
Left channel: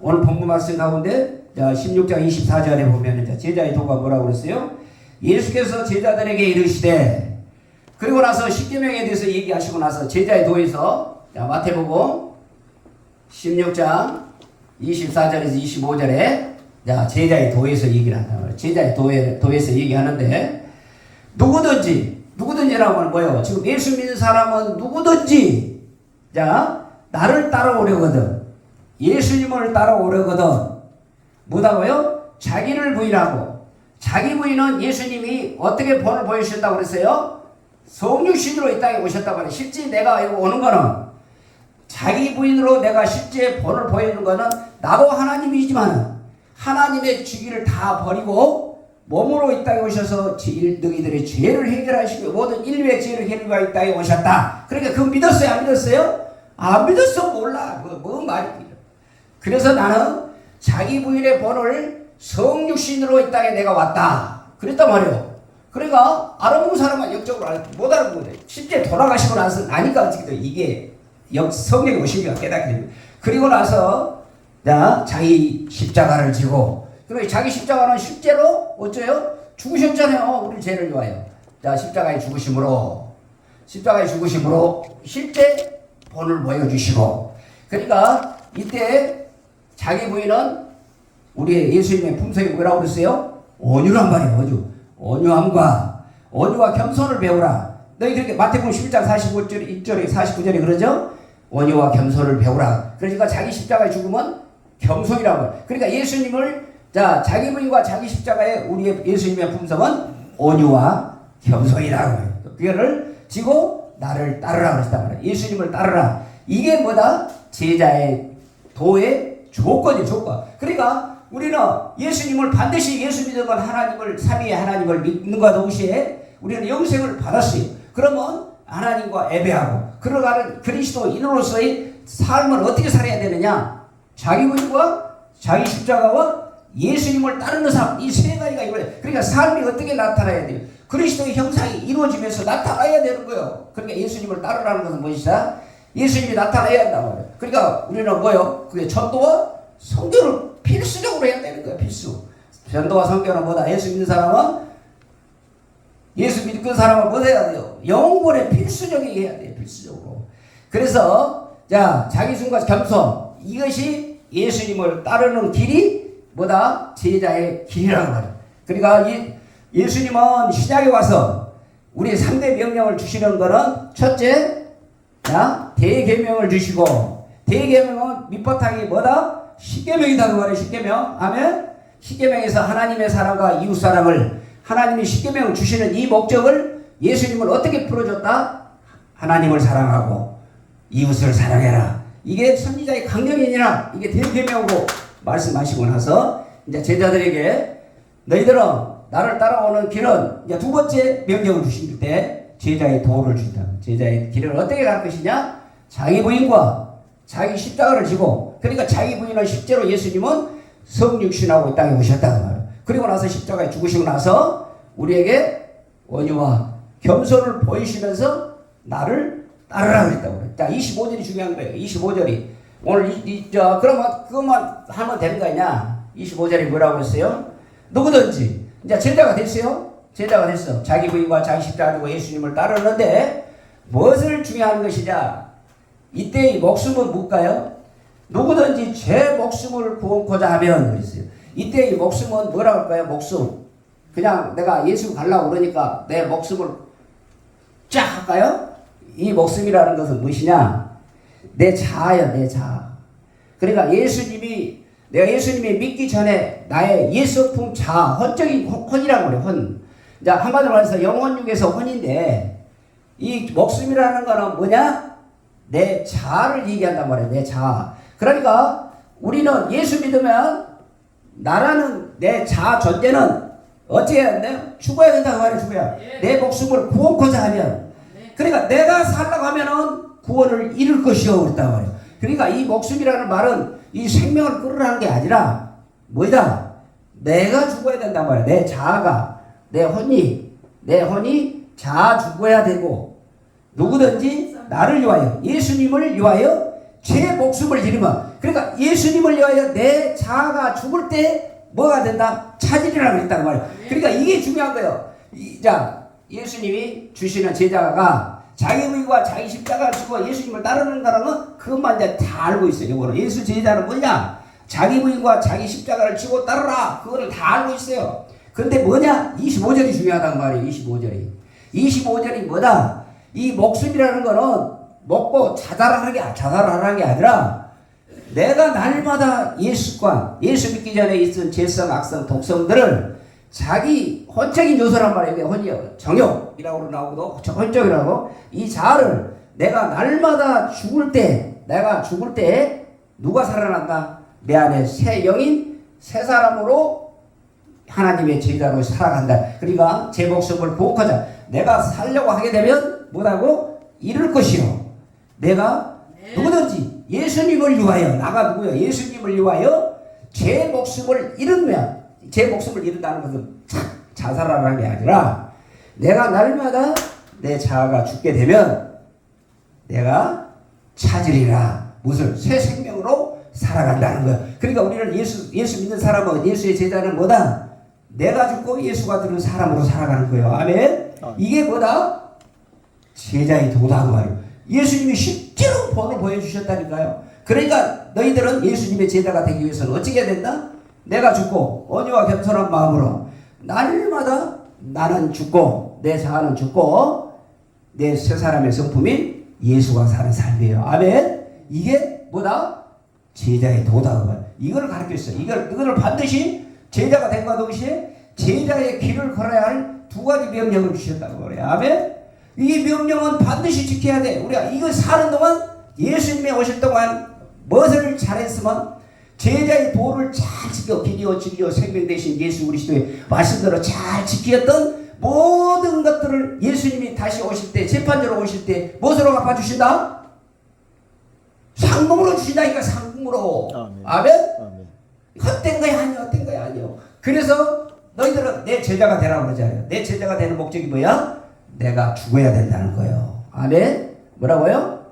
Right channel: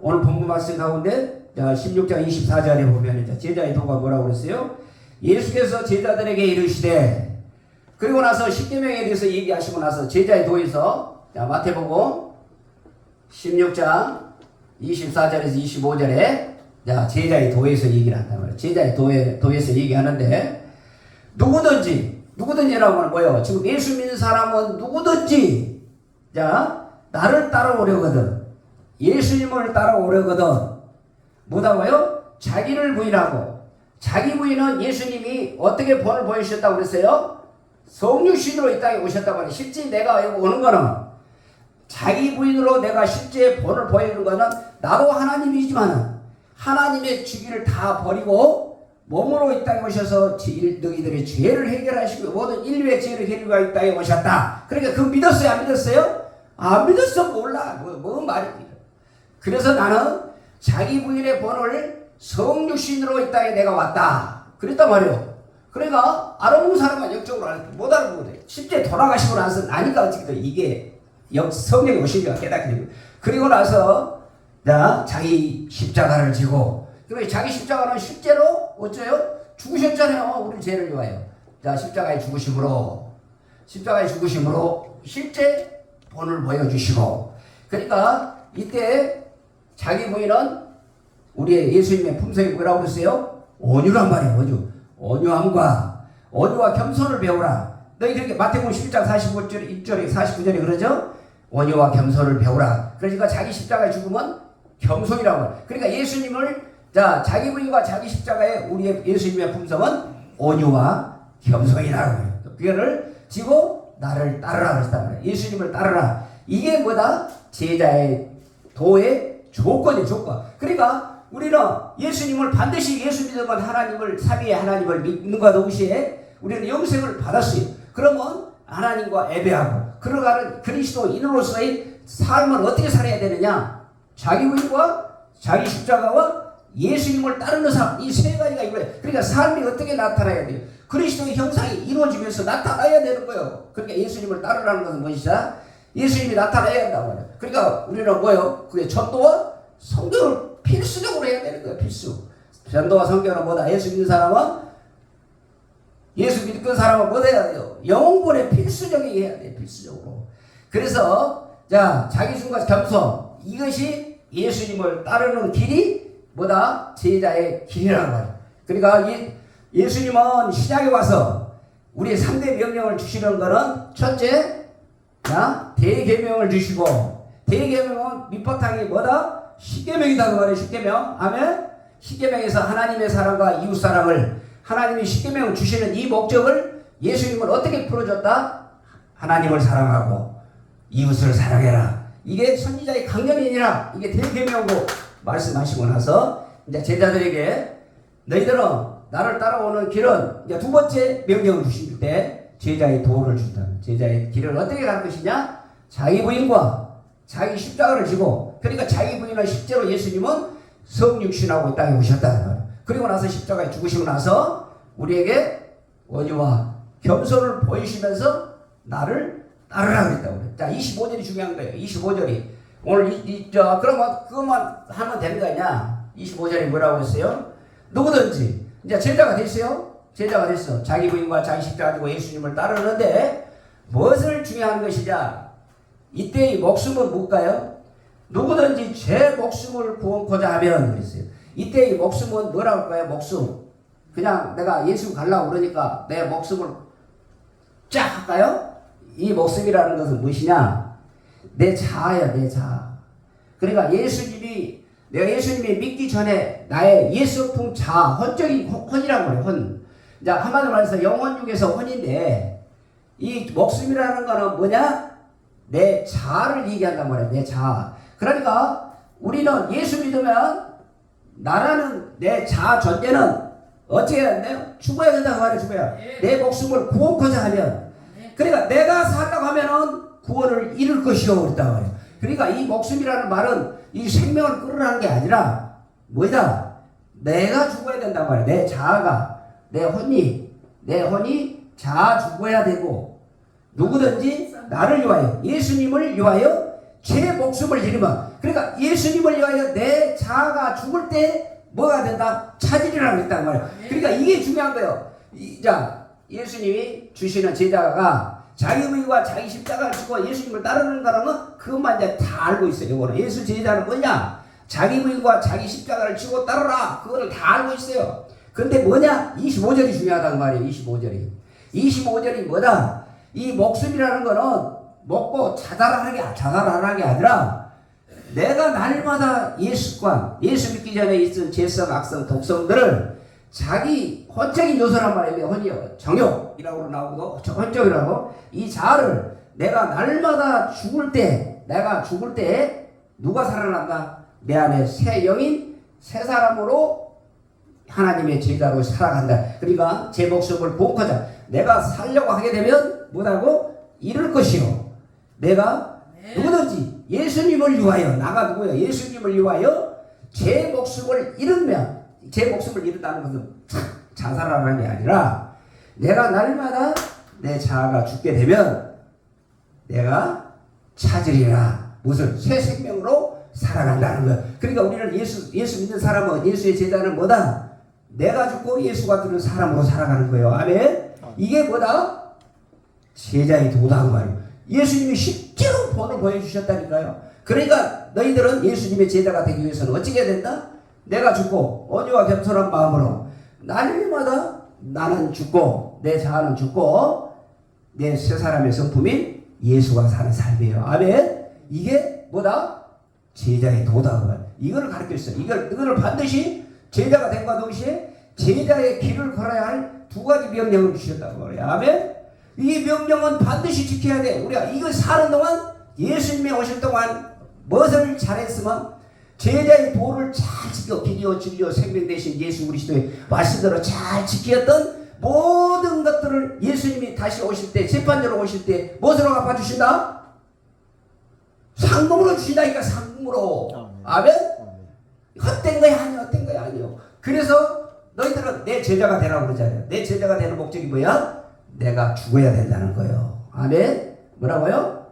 오늘 본문 말씀 가운데 16장 24절에 보면 제자의 도가 뭐라고 그랬어요? 예수께서 제자들에게 이르시되 그리고 나서 십계명에 대해서 얘기하시고 나서 제자의 도에서 마태복음 16장 24절에서 25절에 제자의 도에서 얘기를 한단 말이에요. 제자의 도에서 얘기하는데 누구든지라고 하는 거예요. 지금 예수 믿는 사람은 누구든지 나를 따라오려거든 예수님을 따라오려거든 뭐라고요? 자기를 부인하고 자기 부인은 예수님이 어떻게 본을 보여주셨다고 그랬어요? 성육신으로 이 땅에 오셨다고 하는 실제 내가 오는 거는 자기 부인으로 내가 실제 본을 보이는 거는 나도 하나님이지만 하나님의 주기를 다 버리고 몸으로 이 땅에 오셔서 너희들의 죄를 해결하시고 모든 인류의 죄를 해결하고 이 땅에 오셨다. 그러니까 그거 믿었어요? 안 믿었어요? 안 믿었어. 몰라. 뭐 말이야. 그래서 나는 자기 부인의 본을 성육신으로 이 땅에 내가 왔다. 그랬단 말이에요. 그러니까 알아보는 사람은 영적으로 못 알아보네. 실제 돌아가시고 나서 아니까 이게 성령이 오시니까 깨닫게 됩니다. 그리고 나서 자기 십자가를 지고 그리고 자기 십자가는 실제로 어째요? 죽으셨잖아요. 우리 죄를 위하여. 십자가의 죽으심으로 실제 본을 보여주시고 그러니까 이때 자기 부인은 우리의 예수님의 품성이 뭐라고 그랬어요? 온유란 말이에요. 온유와 겸손을 배우라. 너희 그렇게 마태복음 11장 45절 1절에 49절에 그러죠? 온유와 겸손을 배우라. 그러니까 자기 십자가의 죽음은 겸손이라고 해요. 그러니까 예수님을 자기 부인과 자기 십자가의 우리의 예수님의 품성은 온유와 겸손이라고 해요. 그거를 지고 나를 따르라 그랬단 말이에요. 예수님을 따르라. 이게 뭐다? 제자의 도의 조건. 그러니까 우리는 예수님을 반드시 예수 믿는 건 하나님을 삼위의 하나님을 믿는 것과 동시에 우리는 영생을 받았어요. 그러면 하나님과 예배하고 걸어가는 그리스도인으로서의 삶을 어떻게 살아야 되느냐? 자기 부인과 자기 십자가와 예수님을 따르는 삶, 이 세 가지가 이거예요. 그러니까 삶이 어떻게 나타나야 돼요? 그리스도의 형상이 이루어지면서 나타나야 되는 거예요. 그러니까 예수님을 따르라는 것은 무엇이다? 예수님이 나타나야 한다고 해요. 그러니까 우리는 뭐예요? 그게 전도와 선교를 필수적으로 해야 되는 거예요. 필수. 전도와 선교는 뭐다? 예수 믿는 사람은 예수 믿는 사람은 뭐 해야 돼요? 영혼의 필수적이게 해야 돼요. 필수적으로. 그래서 자 자기 중과 겸손 이것이 예수님을 따르는 길이 뭐다? 제자의 길이라고 말이에요. 그러니까 예수님은 시장에 와서 우리 3대 명령을 주시는 거는 첫째 대계명을 주시고 대계명은 밑바탕이 뭐다? 십계명이다 그 말이에요. 십계명. 아멘. 십계명에서 하나님의 사랑과 이웃 사랑을 하나님이 십계명을 주시는 이 목적을 예수님은 어떻게 풀어줬다? 하나님을 사랑하고 이웃을 사랑해라. 이게 선지자의 강령이니라. 이게 대계명이고 말씀하시고 나서 이제 제자들에게 너희들은 나를 따라오는 길은 이제 두 번째 명령을 주실 때 제자의 도를 준다. 제자의 길을 어떻게 갈 것이냐? 자기 부인과 자기 십자가를 지고 그러니까 자기 부인은 실제로 예수님은 성육신하고 이 땅에 오셨다는 말이에요. 그리고 나서 십자가에 죽으시고 나서 우리에게 원유와 겸손을 보이시면서 나를 따르라 그랬다고. 자, 25절이 중요한 거예요. 25절이. 오늘 그러면 그것만 하면 되는 거 아니냐? 25절이 뭐라고 했어요? 누구든지 이제 제자가 됐어요. 제자가 됐어. 자기 부인과 자기 십자가 지고 예수님을 따르는데 무엇을 중요한 것이냐? 이때 이 목숨은 뭘까요? 누구든지 제 목숨을 구원코자 하면 그랬어요. 이때 이 목숨은 뭐라고 할까요? 목숨. 그냥 내가 예수 가려고 그러니까 내 목숨을 쫙 할까요? 이 목숨이라는 것은 무엇이냐? 내 자아야, 내 자아. 그러니까 내가 예수님이 믿기 전에 나의 예수품 자아, 혼적인 혼이라고 그래요, 혼. 자, 한마디로 말해서 영혼육에서 혼인데, 이 목숨이라는 거는 뭐냐? 내 자아를 얘기한단 말이에요, 내 자아. 그러니까 우리는 예수 믿으면 나라는 내 자아 존재는 어떻게 해야 돼요? 죽어야 된다고 말해요, 죽어야. 내 목숨을 구원코자 하면. 그러니까 내가 살다고 하면은 구원을 이룰 것이요 그랬단 말이에요. 그러니까 이 목숨이라는 말은 이 생명을 끌으라는 게 아니라 뭐다? 내가 죽어야 된단 말이에요. 내 자아가 내 혼이 자아 죽어야 되고 누구든지 나를 위하여 예수님을 위하여 제 목숨을 잃으면 그러니까 예수님을 위하여 내 자아가 죽을 때 뭐가 된다? 차지리라고 그랬단 말이에요. 그러니까 이게 중요한 거예요. 자 예수님이 주시는 제자가 자기 부인과 자기 십자가를 지고 예수님을 따르는 거라면 그것만 이제 다 알고 있어요. 이거는 예수 제자는 뭐냐? 자기 부인과 자기 십자가를 지고 따르라. 그거를 다 알고 있어요. 근데 뭐냐? 25절이 중요하단 말이에요. 25절이 뭐다? 이 목숨이라는 거는 먹고 자살하는 게 아니라 내가 날마다 예수 믿기 전에 있은 죄성, 악성, 독성들을 자기 혼적인 요소란 말이에요. 혼이요. 정욕이라고 나오고도 혼적이라고 이 자아를 내가 날마다 죽을 때 누가 살아난다? 내 안에 새 영인 새 사람으로 하나님의 제자로 살아간다. 그러니까 제 목숨을 구원하자. 내가 살려고 하게 되면 뭐라고? 잃을 것이요. 내가 누구든지 예수님을 위하여 나가 누구요? 예수님을 위하여 제 목숨을 잃으면 제 목숨을 잃는다는 것은 자살하는 게 아니라 내가 날마다 내 자아가 죽게 되면 내가 찾으리라. 무슨 새 생명으로 살아간다는 거예요. 그러니까 우리는 예수 믿는 사람은 예수의 제자는 뭐다? 내가 죽고 예수가 되는 사람으로 살아가는 거예요. 아멘. 이게 뭐다? 제자의 도다고 말이에요. 예수님이 실제로 본을 보여주셨다니까요. 그러니까 너희들은 예수님의 제자가 되기 위해서는 어떻게 해야 된다? 내가 죽고 온유와 겸손한 마음으로 날마다 나는 죽고 내 자아는 죽고 내 새 사람의 성품인 예수가 사는 삶이에요. 아멘. 이게 뭐다? 제자의 도다. 이걸 가르쳤어요. 이걸 반드시 제자가 된과 동시에 제자의 길을 걸어야 할 두 가지 명령을 주셨다고 그래요. 아멘. 이 명령은 반드시 지켜야 돼. 우리가 이거 사는 동안 예수님이 오실 동안 무엇을 잘했으면 제자의 도를 잘 지켜 비디오 진리요 생명 되신 예수 그리스도의 말씀대로 잘 지켰던 모든 것들을 예수님이 다시 오실 때 재판자로 오실 때 무엇으로 갚아주신다? 상금으로 주신다니까. 상금으로. 아멘. 헛된 거야 아니요. 헛된 거야 아니요. 그래서 너희들은 내 제자가 되라고 그러잖아요. 내 제자가 되는 목적이 뭐야? 내가 죽어야 된다는 거예요. 아멘. 뭐라고요?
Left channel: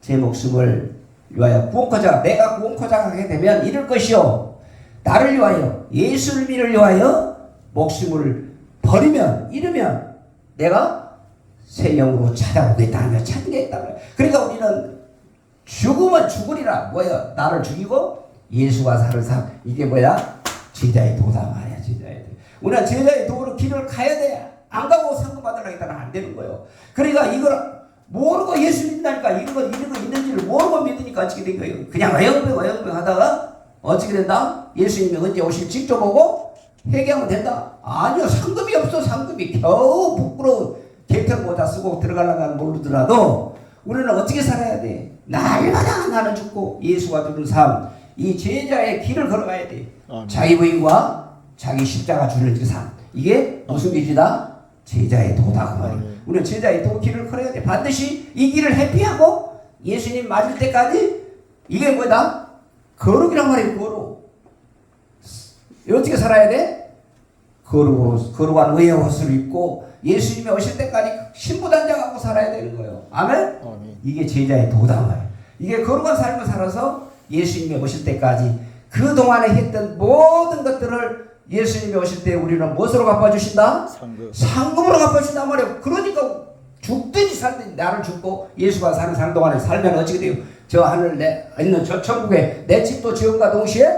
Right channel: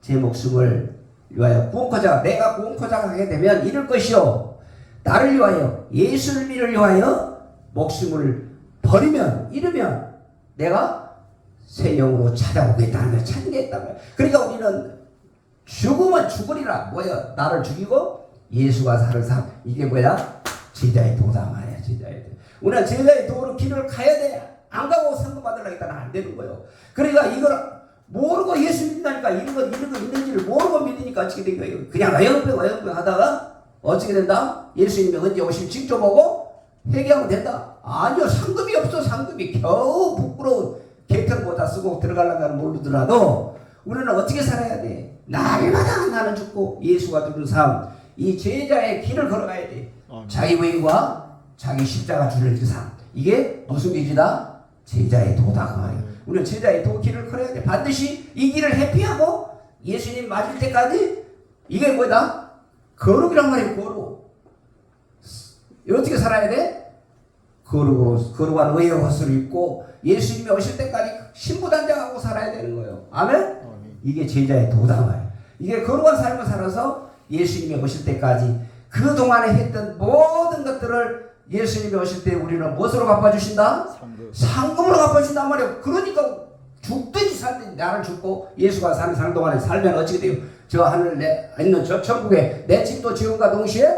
제 목숨을 위하여 구원코자 내가 구원코자 하게 되면 이룰 것이요 나를 위하여 예수를 위하여 목숨을 버리면 잃으면 내가 새 영으로 찾아오겠다 하며 찾겠다. 그러니까 우리는 죽으면 죽으리라. 뭐야? 나를 죽이고 예수가 살을 사. 이게 뭐야? 제자의 도다 말이야. 제자의 도. 우리는 제자의 도로 길을 가야 돼. 안 가고 상급 받으려고 했다는 안 되는 거예요. 그러니까 이걸 모르고 예수 믿는다니까 이런 거 있는지를 모르고 믿으니까 어떻게 된 거예요? 그냥 어영병 하다가 어떻게 된다? 예수님이 언제 오실 직접 오고 회개하면 된다? 아니요. 상급이 없어. 상급이 겨우 부끄러워 개털 모자 쓰고 들어가려면 모르더라도 우리는 어떻게 살아야 돼? 날마다 나는 죽고 예수가 주는 삶, 이 제자의 길을 걸어가야 돼. 자기 부인과 자기 십자가 주는 그 삶. 이게 무슨 길이다? 제자의 도다 그 말이야. 우리는 제자의 도 길을 걸어야 돼. 반드시 이 길을 회피하고 예수님 맞을 때까지 이게 뭐다? 거룩이란 말이에요. 거룩. 어떻게 살아야 돼? 거룩한 의의 옷을 입고 예수님이 오실 때까지 신부단장하고 살아야 되는 거예요. 아멘? 이게 제자의 도다 말이에요. 이게 거룩한 삶을 살아서 예수님이 오실 때까지 그동안에 했던 모든 것들을 예수님이 오실 때 우리는 무엇으로 갚아주신다? 상급으로 갚아주신단 말이에요. 그러니까 죽든지 살든지 나를 죽고 예수가 사는 동안에 살면 어떻게 돼요? 저 하늘 있는 저 천국에 내 집도 지음과 동시에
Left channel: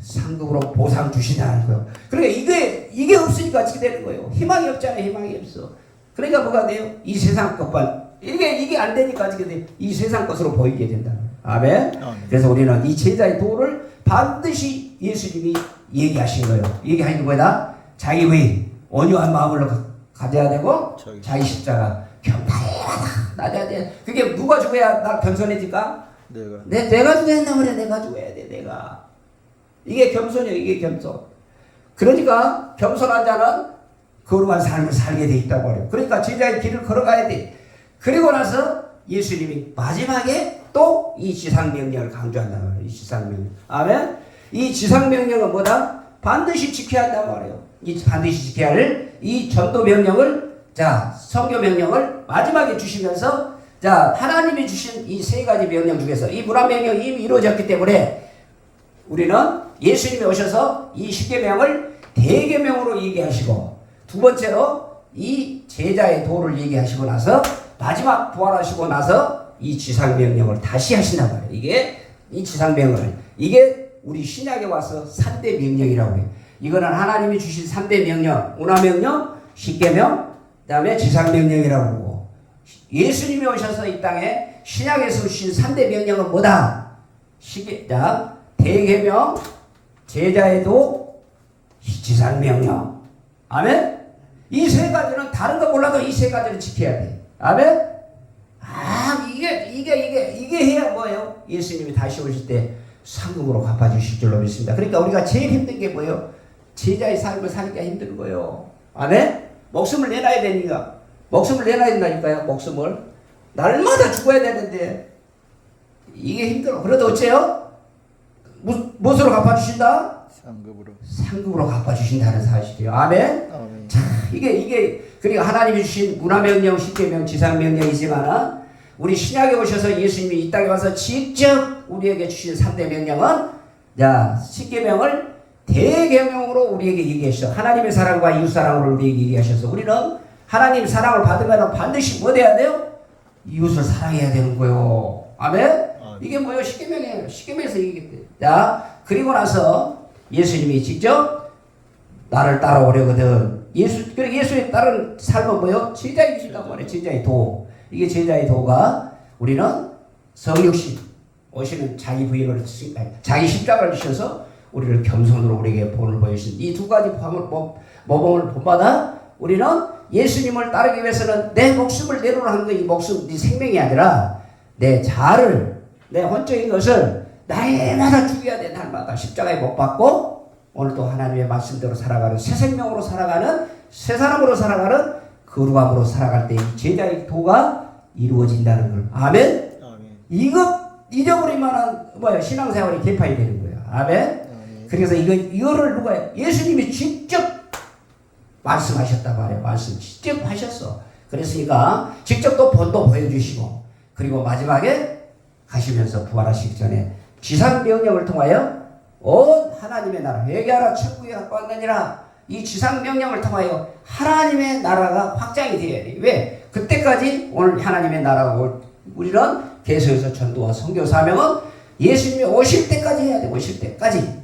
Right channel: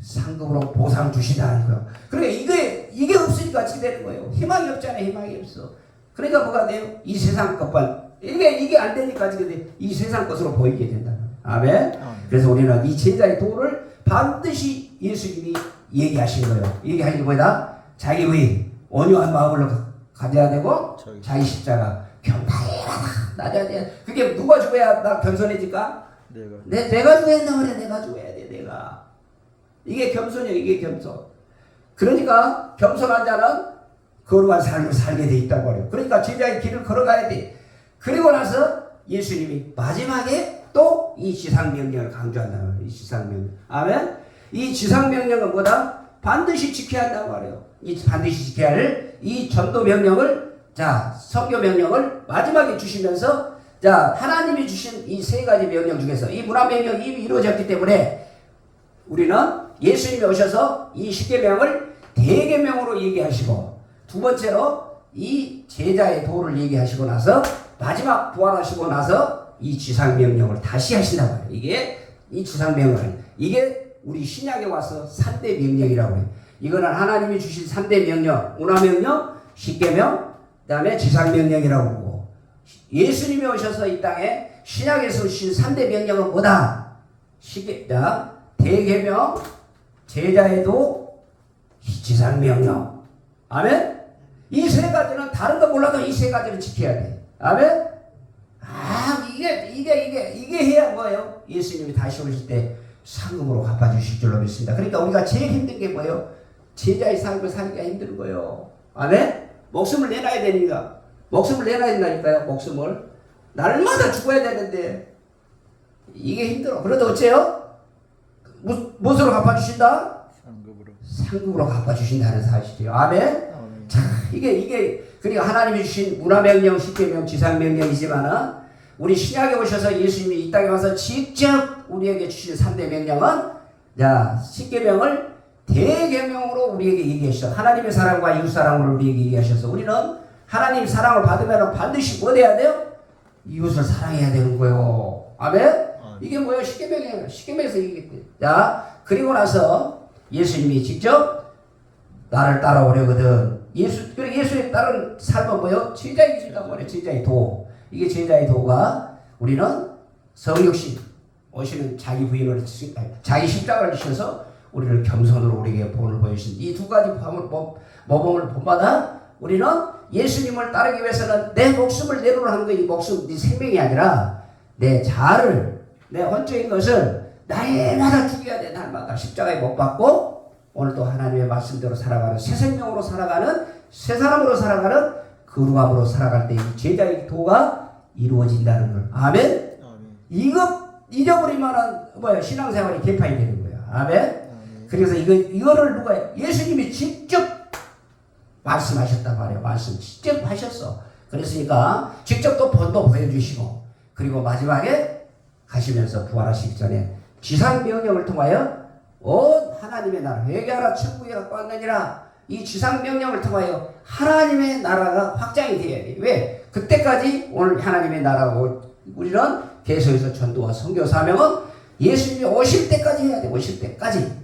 상급으로 보상 주시다는 거예요. 그러니까 이게 없으니까 어떻게 되는 거예요? 희망이 없잖아요. 희망이 없어. 그러니까 뭐가 돼요? 이 세상 것만 이게 안 되니까 어떻게 돼요? 이 세상 것으로 보이게 된다. 아멘. 그래서 우리는 이 제자의 도를 반드시 예수님이 얘기하신 거예요. 얘기하는 게 뭐다? 자기 의 온유한 마음을 가져야 되고 자기 십자가 겸손하다 낮아야 돼. 그게 누가 죽어야 나 겸손해질까? 내가 죽어야 한다 그래. 내가 죽어야 돼. 내가. 이게 겸손이에요. 이게 겸손. 그러니까 겸손한 자는 거룩한 삶을 살게 돼 있다고 해요. 그러니까 제자의 길을 걸어가야 돼. 그리고 나서 예수님이 마지막에 또 이 지상명령을 강조한다고 해요. 이 지상명령. 아멘? 이 지상명령은 뭐다? 반드시 지켜야 한다고 말해요. 이 반드시 지켜야 할 이 전도명령을, 자, 성교명령을 마지막에 주시면서, 자, 하나님이 주신 이 세 가지 명령 중에서 이 문화명령이 이미 이루어졌기 때문에 우리는 예수님이 오셔서 이 십계명을 대계명으로 얘기하시고, 두 번째로 이 제자의 도를 얘기하시고 나서 마지막 부활하시고 나서 이 지상명령을 다시 하신다고 해요. 이게 이 지상명령을, 이게 우리 신약에 와서 3대 명령이라고 해요. 이거는 하나님이 주신 3대 명령, 운하명령, 십계명, 그 다음에 지상명령이라고 하고, 예수님이 오셔서 이 땅에 신약에서 주신 3대 명령은 뭐다? 대계명, 제자의 도, 지상명령. 아멘? 이 세 가지는 다른 거 몰라도 이 세 가지를 지켜야 돼. 아멘? 이게 해야 뭐예요? 예수님이 다시 오실 때 상급으로 갚아주실 줄로 믿습니다. 그러니까 우리가 제일 힘든 게 뭐예요? 제자의 삶을 살기가 힘든 거예요. 아멘? 목숨을 내놔야 되니까. 목숨을 내놔야 된다니까요. 목숨을. 날마다 죽어야 되는데 이게 힘들어. 그래도 어째요? 무엇으로 갚아주신다? 상급으로 갚아주신다는 사실이에요. 아멘? 자, 이게 그러니까 하나님이 주신 문화명령, 십계명, 지상명령이지만은 우리 신약에 오셔서 예수님이 이 땅에 와서 직접 우리에게 주신 3대 명령은, 자, 십계명을 대계명으로 우리에게 얘기하셔서 하나님의 사랑과 이웃사랑을 우리에게 얘기하셔서 우리는 하나님 사랑을 받으면 반드시 뭐 돼야 돼요? 이웃을 사랑해야 되는 거예요. 아멘? 이게 뭐예요? 십계명이에요. 십계명에서 얘기했대요. 자, 그리고 나서 예수님이 직접 나를 따라오려거든. 예수에 따른 삶은 뭐예요? 제자의 길이다 말이에요. 제자의 도. 이게 제자의 도가 우리는 성육신 오시는 자기 부인을 자기 십자가를 주셔서 우리를 겸손으로 우리에게 본을 보여주신 이 두 가지 모범을 본받아 우리는 예수님을 따르기 위해서는 내 목숨을 내놓으라는 거, 이 목숨, 네 생명이 아니라 내 자아를, 내 혼적인 것을 날마다 죽여야 돼. 날마다 십자가에 못 박고 오늘도 하나님의 말씀대로 살아가는 새 생명으로 살아가는 새 사람으로 살아가는 거룩함으로 살아갈 때 이 제자의 도가 이루어진다는 걸. 아멘? 이거 잊어버리면은 뭐야? 신앙생활이 개판이 되는 거야. 아멘? 그래서 이거를 누가 해? 예수님이 직접 말씀하셨단 말이에요. 말씀 직접 하셨어. 그랬으니까 직접 또 본도 보여주시고, 그리고 마지막에 가시면서 부활하시기 전에 지상명령을 통하여 온 하나님의 나라 회개하라 천국에 갖고 왔느니라 이 지상명령을 통하여 하나님의 나라가 확장이 되어야 돼요. 왜? 그때까지 오늘 하나님의 나라가 우리는 계속해서 전도와 선교 사명은 예수님이 오실 때까지 해야 돼. 오실 때까지.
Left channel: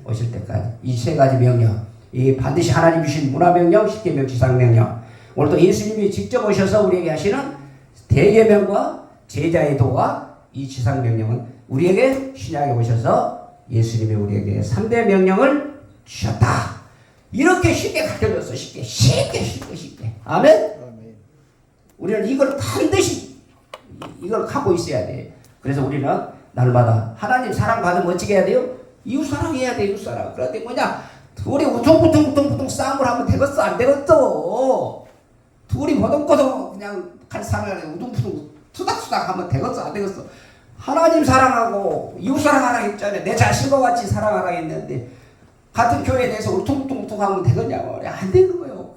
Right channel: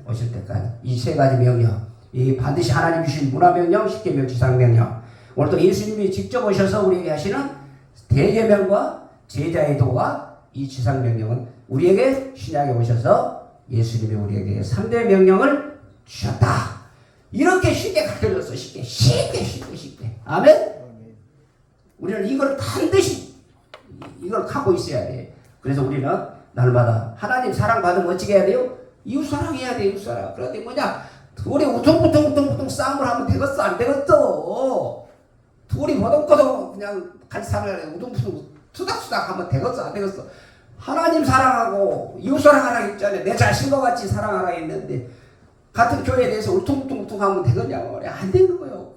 이 세 가지 명령. 이 반드시 하나님 주신 문화명령, 십계명, 지상명령. 오늘도 예수님이 직접 오셔서 우리에게 하시는 대계명과 제자의 도와 이 지상명령은 우리에게 신약에 오셔서 예수님이 우리에게 3대 명령을 주셨다. 이렇게 쉽게 가르쳐줬어. 쉽게. 아멘? 우리는 이걸 반드시 이걸 갖고 있어야 돼. 그래서 우리는 날마다 하나님 사랑받으면 어떻게 해야 돼요? 이웃 사랑해야 돼. 이웃 사랑. 그런데 뭐냐? 둘이 우퉁부퉁 싸움을 하면 되겠어? 안 되겠어? 둘이 버덕버덕 그냥 같이 살아야 돼. 우퉁부퉁 투닥투닥 하면 되겠어? 안 되겠어? 하나님 사랑하고 이웃 사랑하라 했잖아요. 내 자신과 같이 사랑하라 했는데 같은 교회에 대해서 울퉁불퉁 하면 되겠냐고. 안 되는 거예요.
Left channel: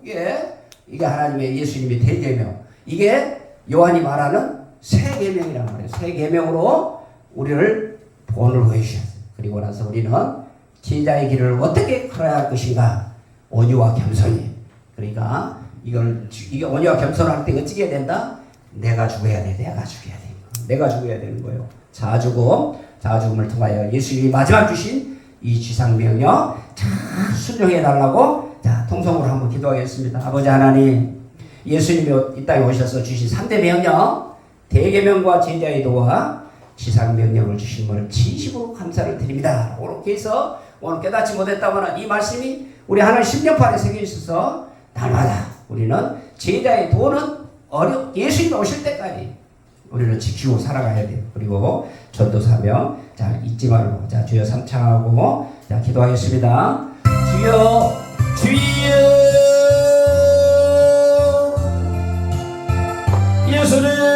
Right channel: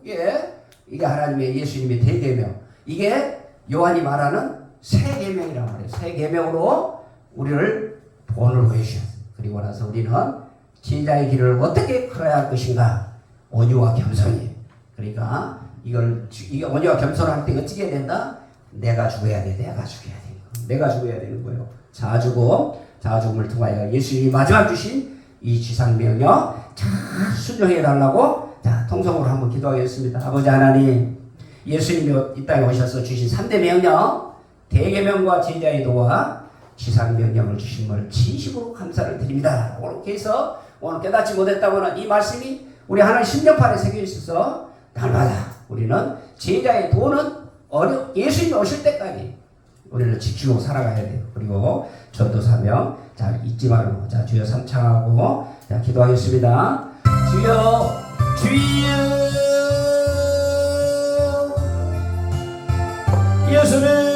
이게 하나님의 예수님의 대계명. 이게 요한이 말하는 새 계명이라고 그래요. 새 계명으로 우리를 본을 보여주셨어요. 그리고 나서 우리는 제자의 길을 어떻게 걸어야 할 것인가? 온유와 겸손이. 그러니까 이게 온유와 겸손할 때 어떻게 해야 된다? 내가 죽어야 돼. 내가 죽어야 되는 거예요. 자죽음을 통하여 예수님이 마지막 주신 이 지상명령 잘 순종해 달라고 자 통성으로 한번 기도하겠습니다. 아버지 하나님, 예수님이 이 땅에 오셔서 주신 3대 명령, 대계명과 제자의 도와 지상명령을 주신 것을 진심으로 감사를 드립니다. 이렇게 해서 오늘 깨닫지 못했다면 이 말씀이 우리 하나님 심령판에 새겨 있어서 날마다 우리는 제자의 도는 예수님이 오실 때까지 우리는 지키고 살아가야 돼요. 그리고 전도사명 잘 잊지 말고 자 주여 삼창하고 자 기도하겠습니다. 주여 예수님